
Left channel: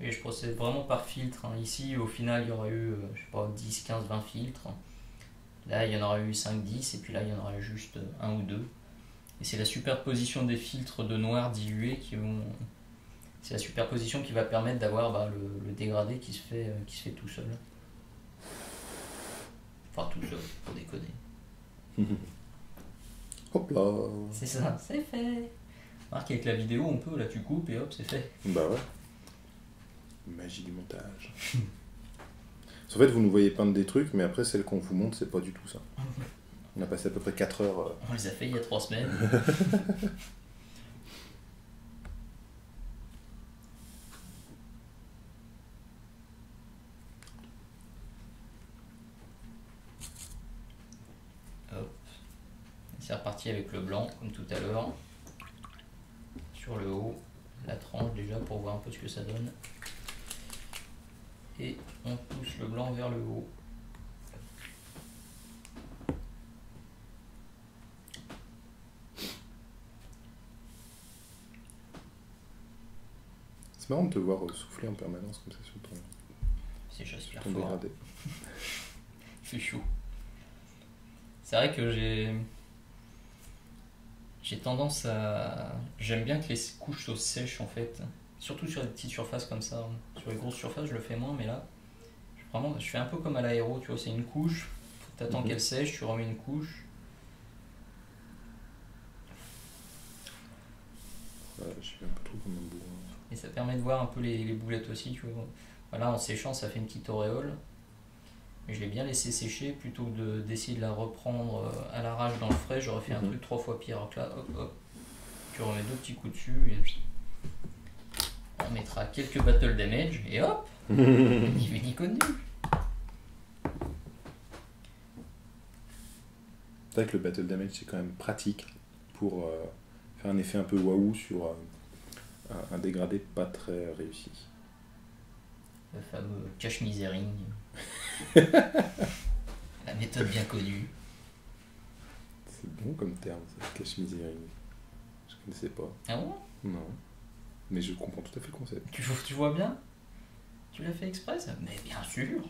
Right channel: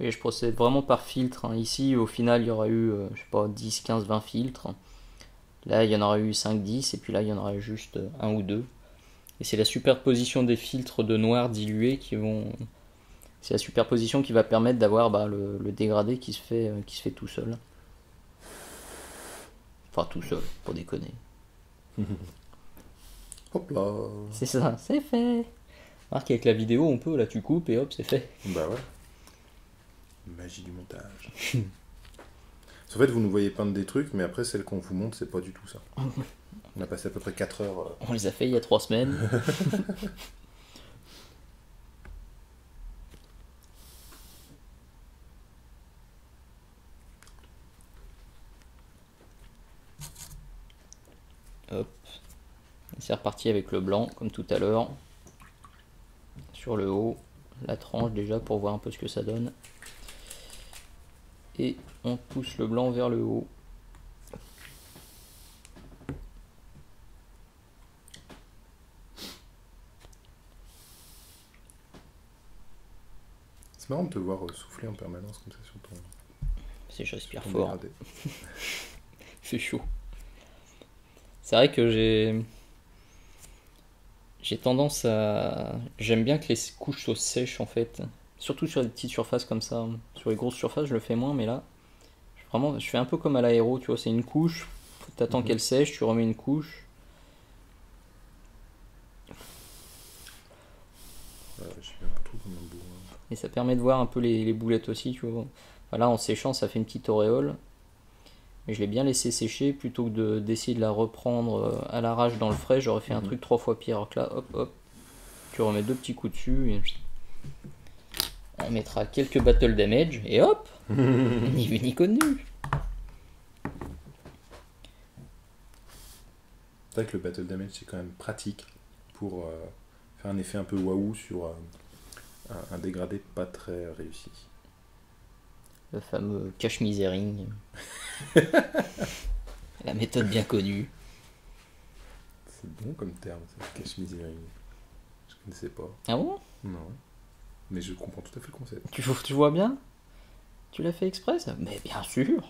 Et je procède vraiment par filtre. Hein. Ici, au final, il y aura eu, je sais pas, 10, 15, 20 filtres. Là, il y en aura eu 5, 10, et puis là, il y en aura juste un ou deux. Et c'est la superposition des filtres de noir dilué qui vont... C'est la superposition qui va permettre d'avoir le dégradé qui se fait tout seul. Enfin, tout seul, pour déconner. Hop là! C'est ça, c'est fait! Remarque, avec la vidéo, on peut, là, tu coupes et hop, c'est fait. Bah ouais. Magie du montage. En fait, vous nous voyez peindre des trucs, mais après, celle qu'on vous montre, c'est pas du tout ça. On a passé à peu près 4 heures. On les a fait il y a 3 semaines. Hop. C'est reparti avec le blanc, comme tout à l'heure. Sur le haut, la tranche déjà pour voir un peu ce que ça donne. Et on pousse le blanc vers le haut. C'est marrant de te voir souffler en permanence comme ça sur ton, C'est j'aspire ton fort. dégradé. C'est chaud. C'est vrai que j'ai tendance à... J'aime bien que les couches soient sèches en fait. Surtout sur des petites surfaces comme ça. Sur les grosses surfaces, je le fais moins, mais là, je fais un peu comme à l'aéro, tu vois, c'est une couche, t'attends qu'elle sèche, tu remets une couche. Je suis un peu trop comme un bourrin. Et ça permet de voir un peu les boulettes aussi, tu vois. Enfin, là, en séchant, ça fait une petite auréole. Mais je l'ai bien laissé sécher plutôt que d'essayer de la reprendre à l'arrache dans le frais. J'aurais fait un truc 3 fois pire. Alors que là, hop, hop, tu remets 2 petits coups dessus. Et on mettra quelques battle damage et hop, ni vu ni connu. C'est vrai que le battle damage c'est quand même pratique pour faire un effet un peu waouh sur un dégradé pas très réussi. Le fameux cache misering. La méthode bien connue. C'est bon comme terme, ça, cache misering. Je connaissais pas. Ah bon? Non. Mais je comprends tout à fait le concept. Tu vois bien? Tu l'as fait exprès ça? Mais bien sûr.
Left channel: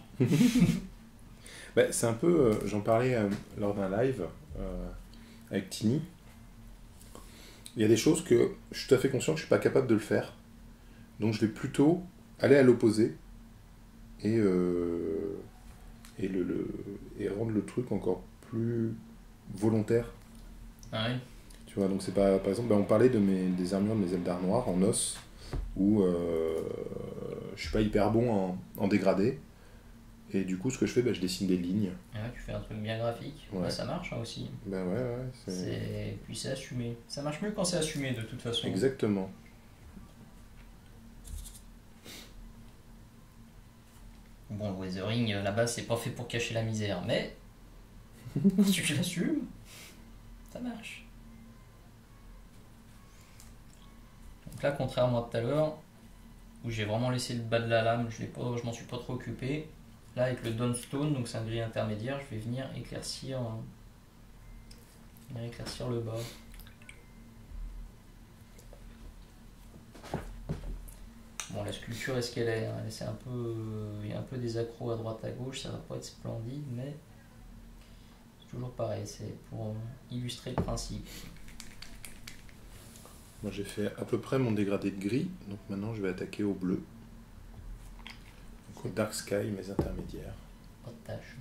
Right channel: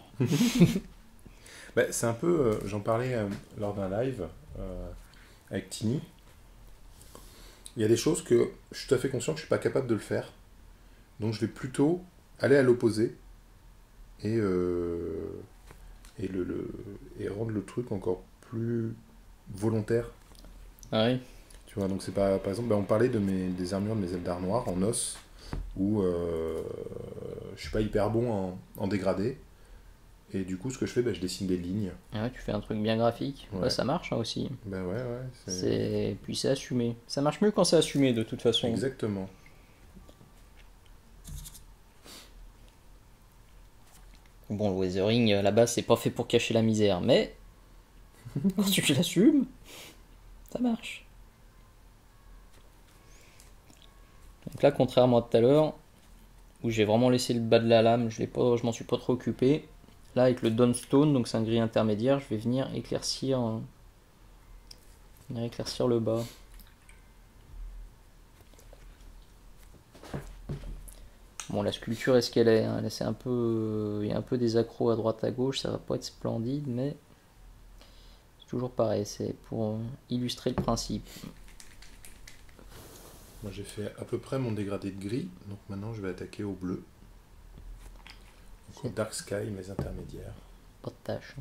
Bah, c'est un peu, j'en parlais lors d'un live avec Tini. Il y a des choses que je suis tout à fait conscient que je suis pas capable de le faire. Donc je vais plutôt aller à l'opposé et rendre le truc encore plus volontaire. Ah oui. Tu vois, donc c'est pas, par exemple, on parlait des armures de mes Eldar noirs en os où je suis pas hyper bon en dégradé. Et du coup, ce que je fais, je dessine des lignes. Ah ouais, tu fais un truc bien graphique. Ouais. Bah, ça marche hein, aussi. Ben ouais. Puis c'est assumé. Ça marche mieux quand c'est assumé de toute façon. Exactement. Bon, le weathering, là-bas, c'est pas fait pour cacher la misère, mais quand tu l'assumes, ça marche. Donc là, contrairement à tout à l'heure, où j'ai vraiment laissé le bas de la lame, je m'en suis pas trop occupé. Là, avec le Dawnstone, donc c'est un gris intermédiaire, je vais venir éclaircir le bas. Bon, la sculpture est ce qu'elle est, hein. C'est un peu, il y a un peu des accros à droite à gauche, ça va pas être splendide, mais c'est toujours pareil, c'est pour illustrer le principe. Moi j'ai fait à peu près mon dégradé de gris, donc maintenant je vais attaquer au bleu. Donc au Dark Sky, mes intermédiaires. Pas de tâche.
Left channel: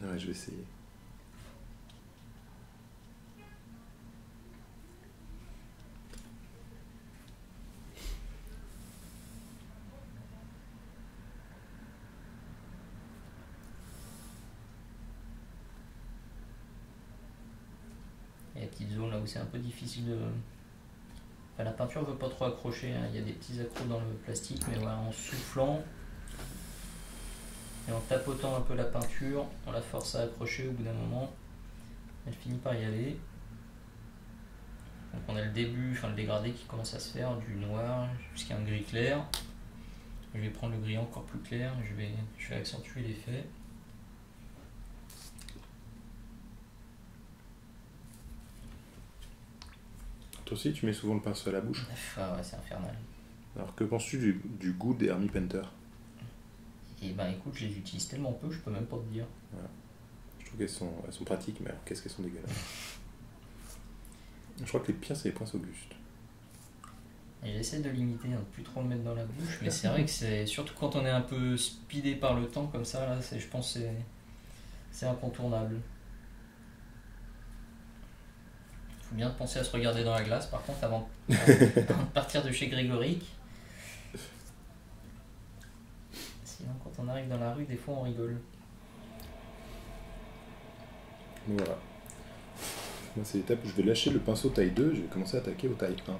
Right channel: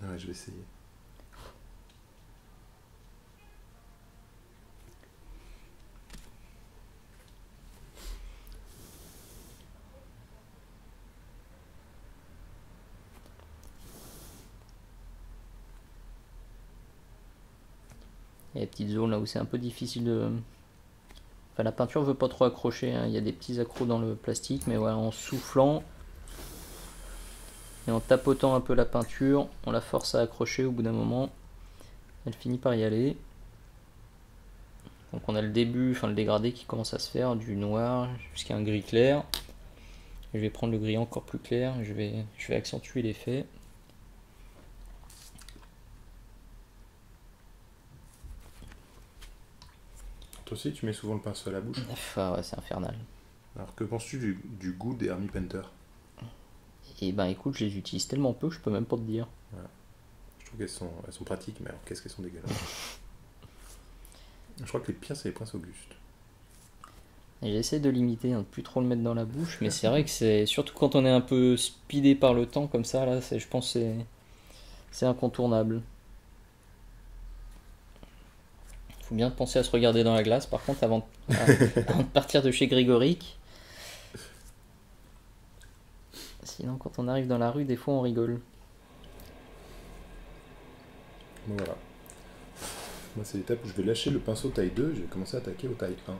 Ouais, je vais essayer. Il y a des petites zones là où c'est un peu difficile de... Enfin, la peinture veut pas trop accrocher, hein. Il y a des petits accros dans le plastique, mais voilà, en soufflant et en tapotant un peu la peinture, on la force à accrocher au bout d'un moment. Elle finit par y aller. Donc on a le début, enfin le dégradé qui commence à se faire, du noir jusqu'à un gris clair. Je vais prendre le gris encore plus clair, je vais accentuer l'effet. Toi aussi, tu mets souvent le pinceau à la bouche. Ah ouais, c'est infernal. Alors, que penses-tu du goût des Army Painter? Et ben écoute, je les utilise tellement peu que je peux même pas te dire. Voilà. Je trouve elles sont pratiques, mais alors qu'est-ce qu'elles sont dégueulasses. Je crois que les pires, c'est les Princes Auguste. J'essaie de limiter, hein, de plus trop le mettre dans la bouche, mais c'est vrai que c'est surtout quand on est un peu speedé par le temps comme ça, là, je pense que c'est incontournable. Il faut bien penser à se regarder dans la glace, par contre, avant de partir de chez Grégoric. Sinon, quand on arrive dans la rue, des fois, on rigole. Donc voilà. Moi, c'est l'étape où je vais lâcher le pinceau taille 2, je vais commencer à attaquer au taille 1.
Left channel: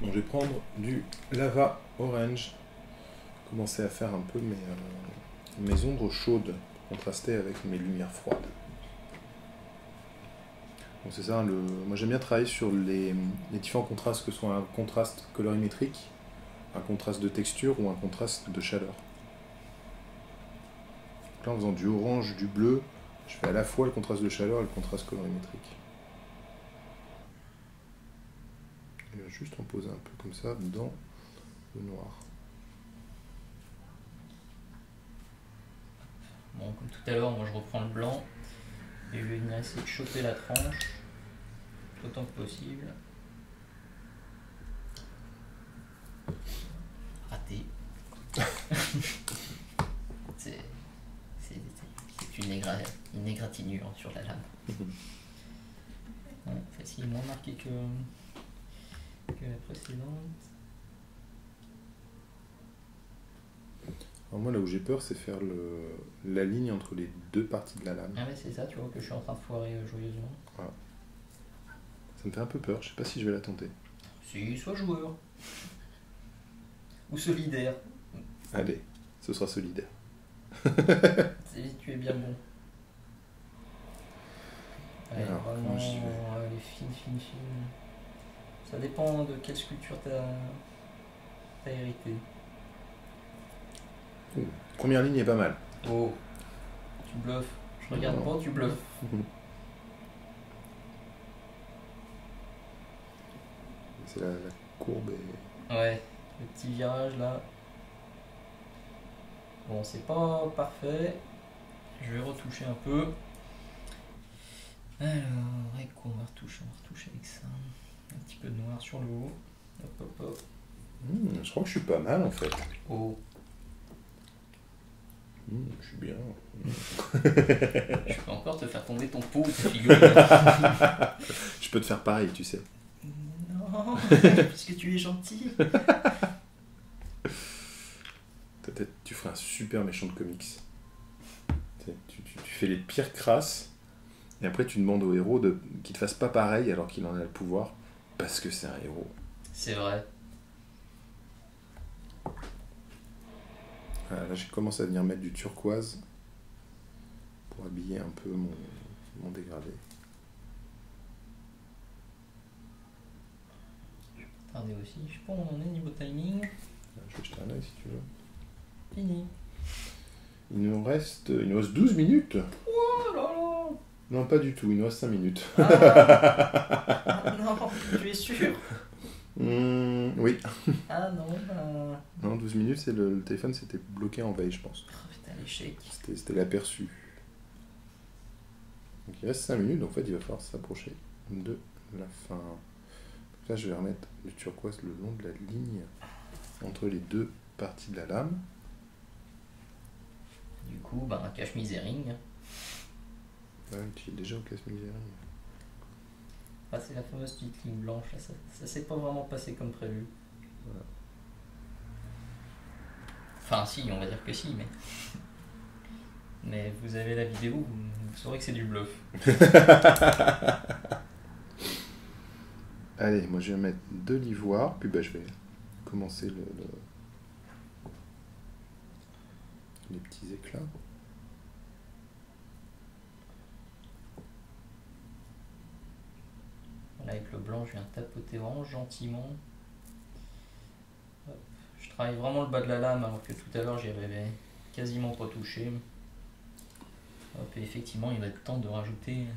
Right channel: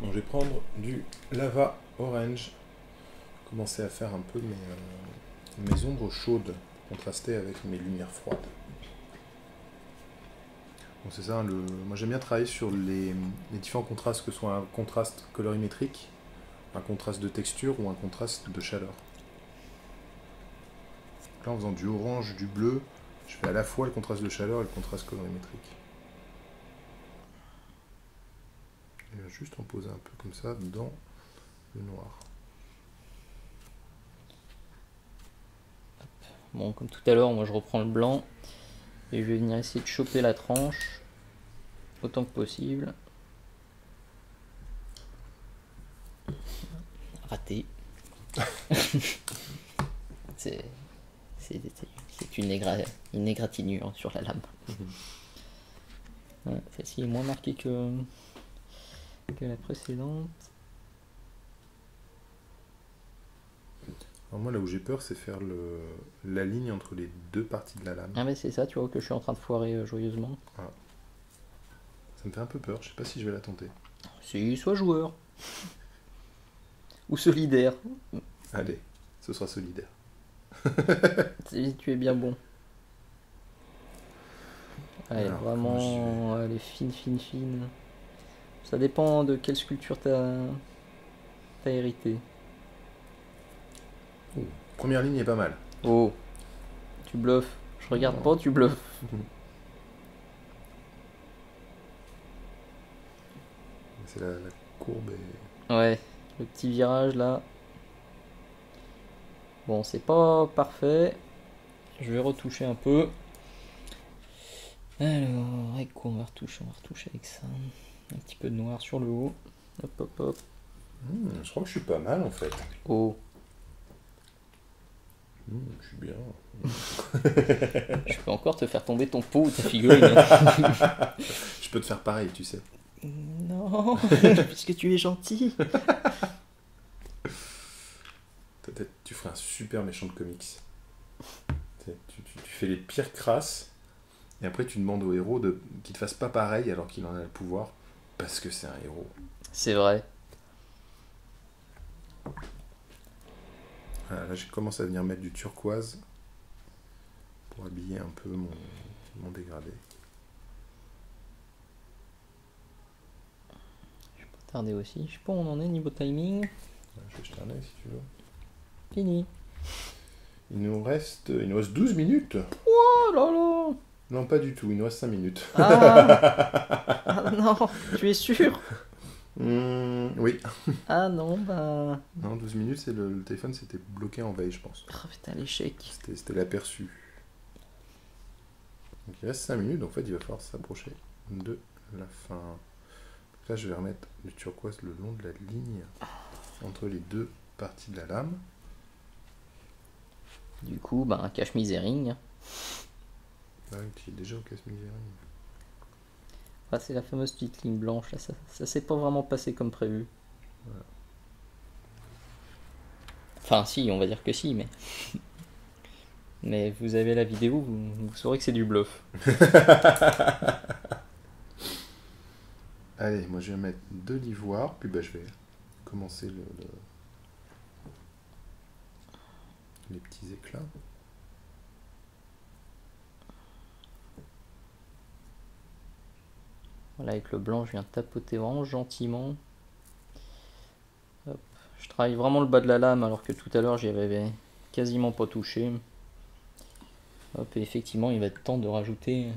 Bon, je vais prendre du lava orange, commencer à faire un peu mes ombres chaudes, pour contraster avec mes lumières froides. Bon, c'est ça, moi j'aime bien travailler sur les différents contrastes, que ce soit un contraste colorimétrique, un contraste de texture ou un contraste de chaleur. Là, en faisant du orange, du bleu, je fais à la fois le contraste de chaleur et le contraste colorimétrique. Je vais juste en poser un peu comme ça dans le noir. Bon, comme tout à l'heure, moi je reprends le blanc et je vais venir essayer de choper la tranche autant que possible. Raté. c'est une égratignure sur la lame. Ouais, celle-ci est moins marquée que la précédente. Alors moi, là où j'ai peur, c'est faire la ligne entre les deux parties de la lame. Ah mais c'est ça, tu vois, que je suis en train de foirer joyeusement. Voilà. Ça me fait un peu peur, je sais pas si je vais la tenter. Si, sois joueur. Ou solidaire. Allez, ce sera solidaire. Tu es bien bon. Allez, Alors, vraiment, elle est fine. Ça dépend de quelle sculpture t'as hérité. Oh, première ligne est pas mal. Oh, tu bluffes. Je regarde Non. pas, tu bluffes. C'est la courbe et... Ouais, le petit virage là. Bon, c'est pas parfait. Je vais retoucher un peu. Alors, avec quoi on va retoucher? On va retoucher avec ça. Un petit peu de noir sur le haut. Hop. je crois que je suis pas mal en fait. Oh. Je suis bien. Je peux encore te faire tomber ton pot ou ta figurine. Je peux te faire pareil, tu sais. Non, puisque tu es gentil. Peut-être tu ferais un super méchant de comics. Tu fais les pires crasses, et après tu demandes au héros qu'il te fasse pas pareil alors qu'il en a le pouvoir, parce que c'est un héros. C'est vrai. Voilà, là j'ai commencé à venir mettre du turquoise pour habiller un peu mon dégradé. Regardez aussi. Je sais pas où on en est niveau timing. Je vais jeter un œil si tu veux. Fini. Il nous reste 12 minutes. Oh là là. Non, pas du tout, il nous reste 5 minutes. Ah non, tu es sûr? Oui. Ah non, bah... Non, 12 minutes, c'est le téléphone s'était bloqué en veille, je pense. Oh putain, l'échec. C'était l'aperçu. Donc il reste 5 minutes, donc en fait il va falloir s'approcher de la fin. Donc là je vais remettre le turquoise le long de la ligne entre les deux parties de la lame. Du coup, bah, un cache-misering. Ah oui, tu es déjà au casse-misère. Ah, c'est la fameuse petite ligne blanche, là, ça s'est pas vraiment passé comme prévu. Voilà. Enfin, si, on va dire que si, mais... Mais vous avez la vidéo, vous saurez que c'est du bluff. Allez, moi je vais mettre de l'ivoire, puis bah, je vais commencer les petits éclats. Voilà, avec le blanc, je viens tapoter vraiment gentiment. Hop. Je travaille vraiment le bas de la lame, alors que tout à l'heure, j'y avais quasiment pas touché. Hop, et effectivement, il va être temps de rajouter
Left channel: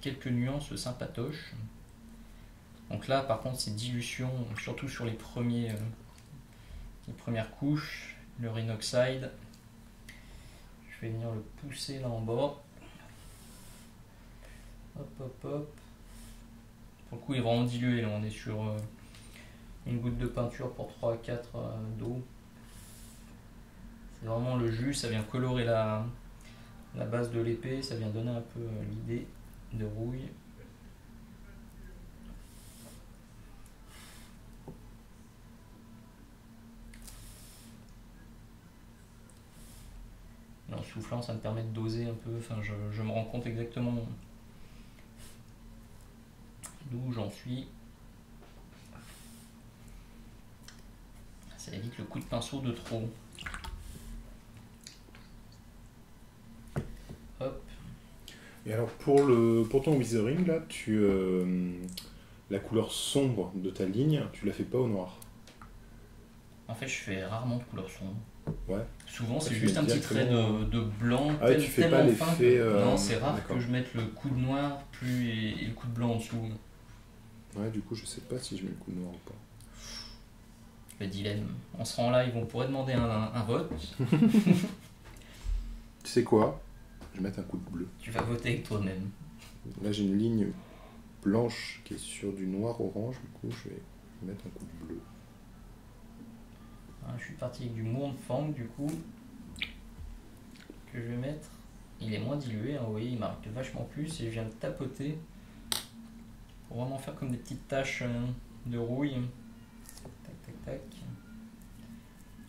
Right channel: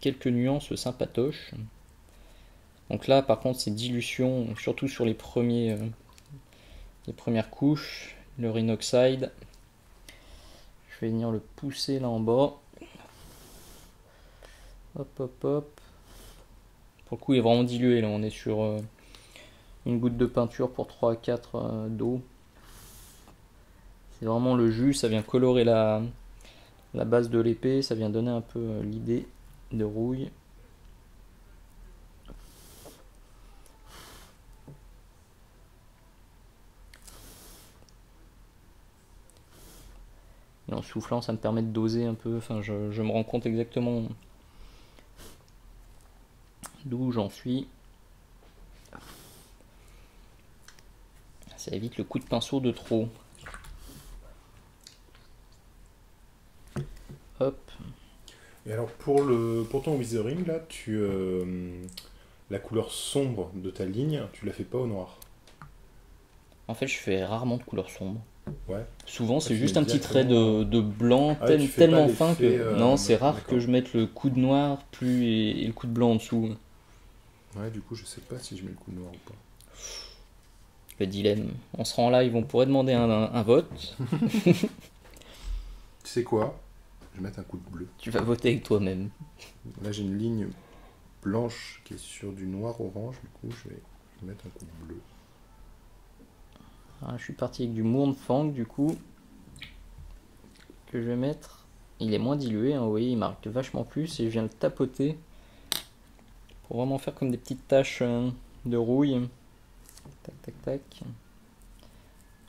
quelques nuances sympatoches. Donc là, par contre, c'est dilution, surtout sur les premières couches, le Rhinoxide. Je vais venir le pousser là en bas. Hop, hop, hop. Pour le coup, il est vraiment dilué. Là, on est sur une goutte de peinture pour 3 à 4 d'eau. C'est vraiment le jus, ça vient colorer la base de l'épée, ça vient donner un peu l'idée de rouille. Et en soufflant, ça me permet de doser un peu, enfin je me rends compte exactement d'où j'en suis. Ça évite le coup de pinceau de trop. Hop. Et alors pour ton withering là, la couleur sombre de ta ligne, tu la fais pas au noir. En fait, je fais rarement de couleur sombre. Ouais. Souvent, c'est tu juste mets un petit trait directement- de blanc Ah ouais, tu fais pas tellement fin l'effet, que... Non, c'est rare d'accord. que je mette le coup de noir et le coup de blanc en dessous. Ouais, du coup, je sais pas si je mets le coup de noir ou pas. Le dilemme. On sera en live, on pourrait demander un vote. Tu sais quoi? Je vais mettre un coup de bleu. Tu vas voter avec toi-même. Là, j'ai une ligne blanche qui est sur du noir-orange, du coup, je vais mettre un coup de bleu. Alors, je suis parti avec du Mournfang, du coup, que je vais mettre. Il est moins dilué, hein, vous voyez, il marque vachement plus et je viens le tapoter pour vraiment faire comme des petites taches de rouille. Tac, tac, tac.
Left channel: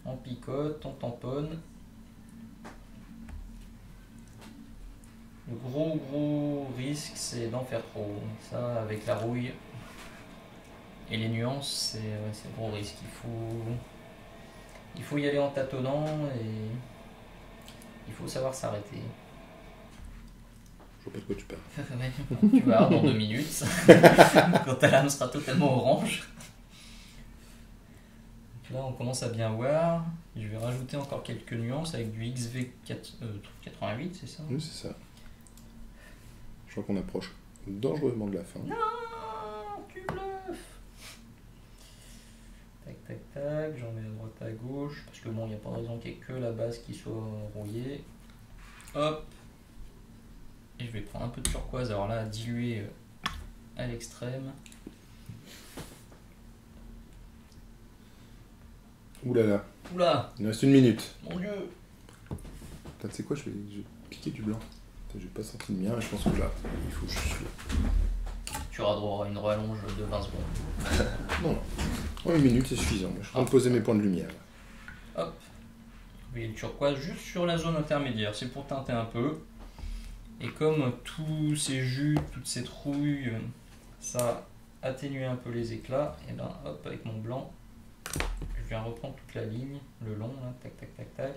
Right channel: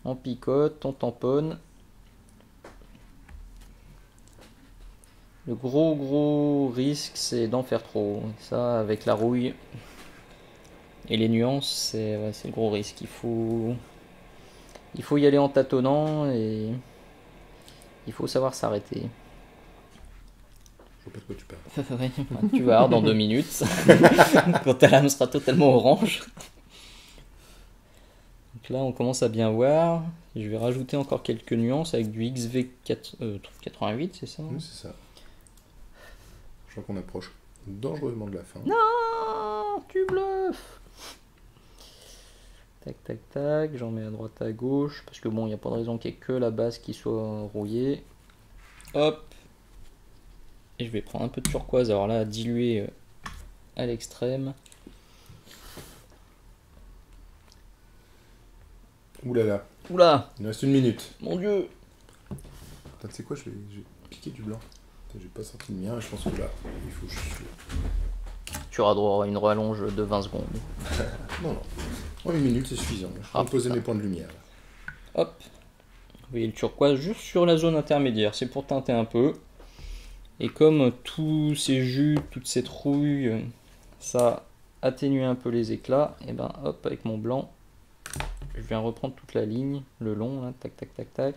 On picote, on tamponne. Le gros risque, c'est d'en faire trop. Ça, avec la rouille et les nuances, c'est le gros risque. Il faut y aller en tâtonnant et il faut savoir s'arrêter. Je vois pas de quoi tu parles. Ouais, tu vas voir dans 2 minutes, quand ta lame sera totalement orange. Donc là, on commence à bien voir. Je vais rajouter encore quelques nuances avec du XV88, c'est ça? Oui, c'est ça. Je crois qu'on approche dangereusement de la fin. Non, tu bluffes. Tac, tac, tac. J'en mets à droite, à gauche. Parce que bon, il n'y a pas de raison qu'il n'y ait que la base qui soit rouillée. Hop. Et je vais prendre un peu de turquoise. Alors là, diluer à l'extrême. Ouh là là, Oula, il nous reste 1 minute. mon dieu. Attends, tu sais quoi, je vais piquer du blanc. J'ai pas sorti le mien et je pense que là, il faut juste... Tu auras droit à une rallonge de 20 secondes. Non. En 1 minute, c'est suffisant. Je peux me poser mes points de lumière. Là. Hop. Vous voyez le turquoise juste sur la zone intermédiaire. C'est pour teinter un peu. Et comme tous ces jus, toute cette rouille, ça atténue un peu les éclats, et ben hop, avec mon blanc, je viens reprendre toute la ligne, le long, là, tac, tac, tac, tac.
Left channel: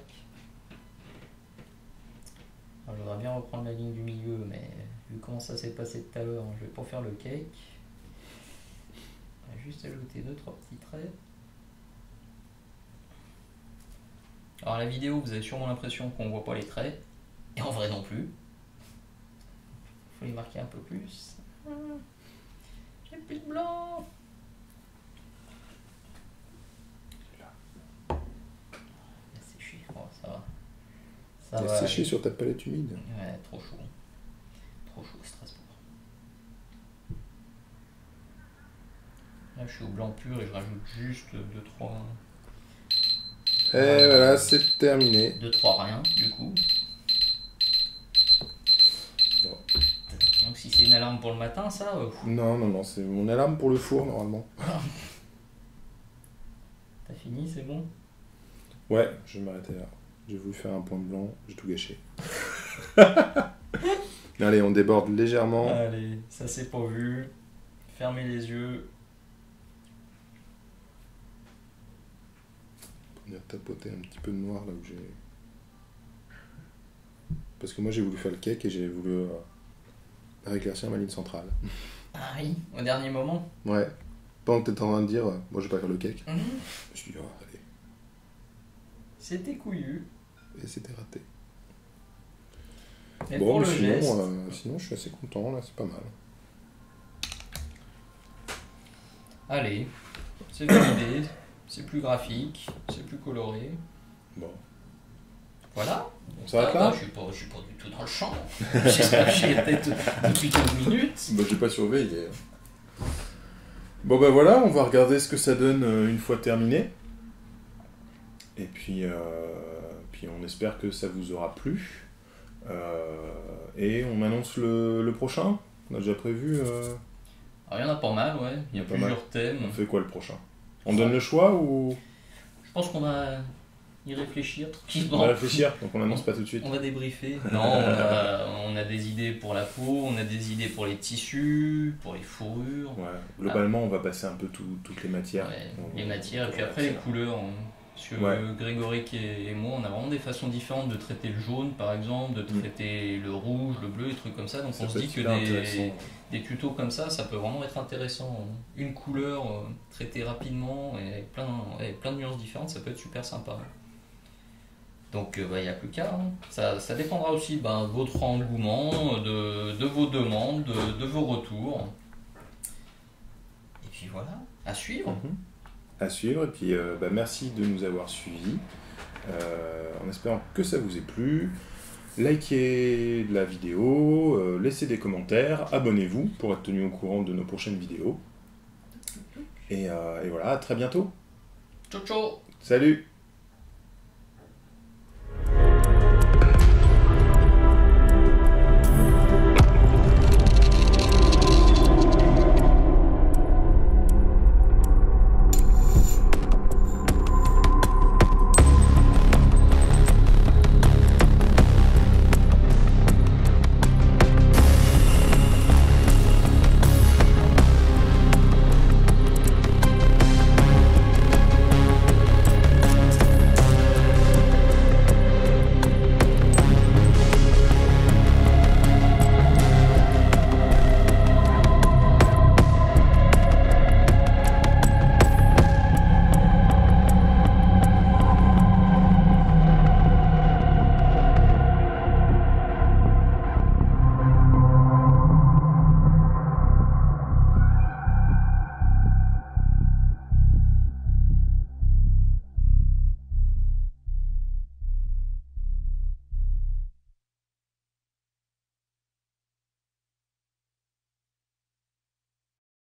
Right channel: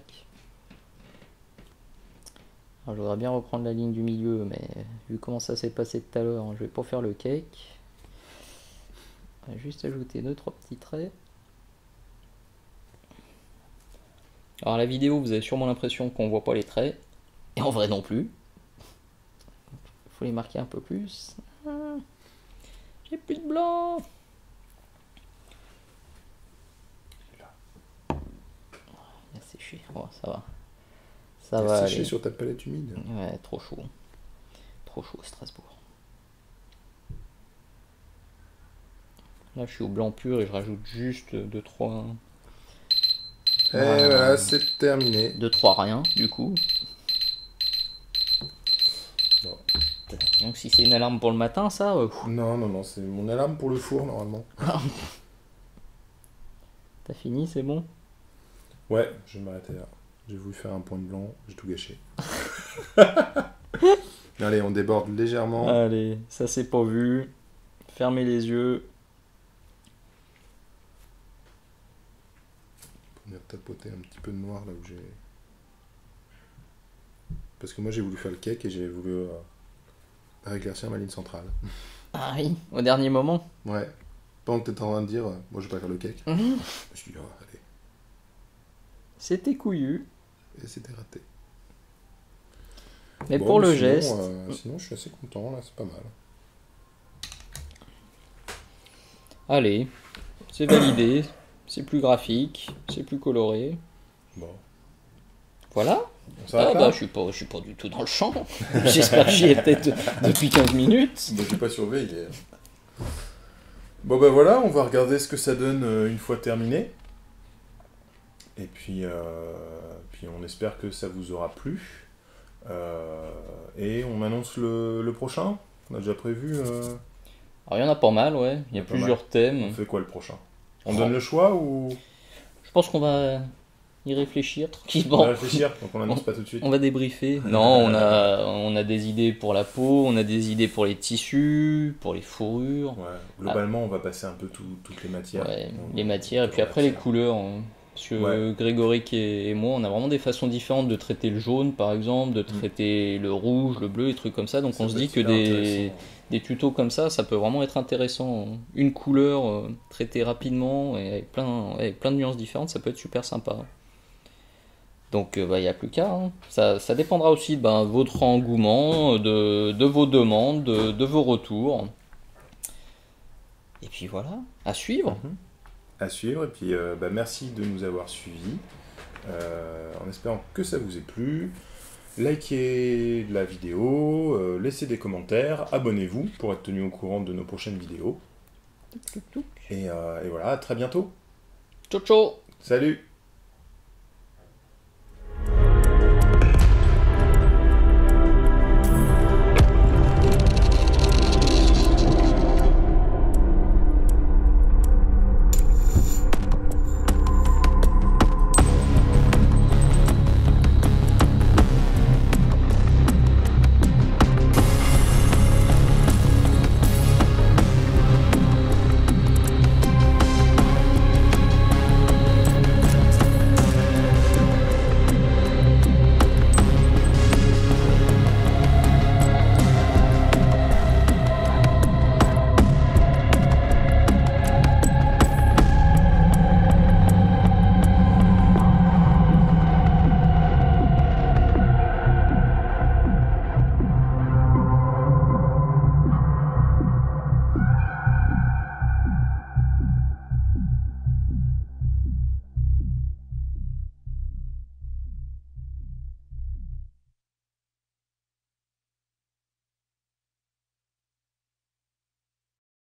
Alors, je voudrais bien reprendre la ligne du milieu, mais vu comment ça s'est passé tout à l'heure, je vais pas faire le cake. On va juste ajouter 2-3 petits traits. Alors la vidéo, vous avez sûrement l'impression qu'on voit pas les traits. Et en vrai non plus. Il faut les marquer un peu plus. J'ai plus de blanc. Il a séché. Oh, ça va. Ça va séché aller. sur ta palette humide. Ouais, trop chaud. Trop chaud à Strasbourg. Là, je suis au blanc pur et je rajoute juste 2-3. Et voilà, c'est terminé. 2-3 rien, du coup. Bon. Donc, si c'est une alarme pour le matin, ça. Non, c'est mon alarme pour le four normalement. T'as fini, c'est bon? Ouais, je vais m'arrêter là. J'ai voulu faire un point de blanc, j'ai tout gâché. Allez, on déborde légèrement. Allez, ça c'est pas vu. Fermez les yeux. Pour venir tapoter un petit peu de noir là où j'ai... Parce que moi j'ai voulu faire le cake et j'ai voulu éclaircir ma ligne centrale. Ah oui, au dernier moment. Ouais. Pendant que t'étais en train de dire, moi je vais pas faire le cake. Je me suis dit, oh, allez. C'était couillu. Et c'était raté. Mais bon, pour mais le sinon, geste. Sinon je suis assez content, là c'est pas mal. Allez, c'est validé. C'est plus graphique. C'est plus coloré. Bon. Voilà. On s'arrête là bah, je suis pas du tout dans le champ. J'espère que j'y étais depuis 15 minutes. Bah j'ai pas surveillé. Bon bah voilà, on va regarder ce que ça donne une fois terminé. Et puis on espère que ça vous aura plu. Et on annonce le prochain. On a déjà prévu. Alors il y en a pas mal, ouais. Il y a plusieurs thèmes. On fait quoi le prochain? On donne le choix ou... Je pense qu'on va y réfléchir On tranquillement. va réfléchir, donc on annonce pas tout de suite. On va débriefer. Non, on a des idées pour la peau, on a des idées pour les tissus, pour les fourrures. Ouais, globalement, on va passer un peu toutes les matières. Ouais, les matières, et puis après les couleurs. Hein. Parce que Grégory et moi, on a vraiment des façons différentes de traiter le jaune, par exemple, de traiter le rouge, le bleu, et trucs comme ça. Donc on se dit que des tutos comme ça peut vraiment être intéressant. Une couleur traitée rapidement, et avec plein de nuances différentes, ça peut être super sympa. Donc il n'y a plus qu'à. Hein. Ça dépendra aussi de votre engouement, de vos demandes, de vos retours. Et puis voilà, à suivre. À suivre, et puis merci de nous avoir suivis. En espérant que ça vous ait plu. Likez la vidéo, laissez des commentaires, abonnez-vous pour être tenu au courant de nos prochaines vidéos. Et voilà, à très bientôt. Ciao ciao. Salut.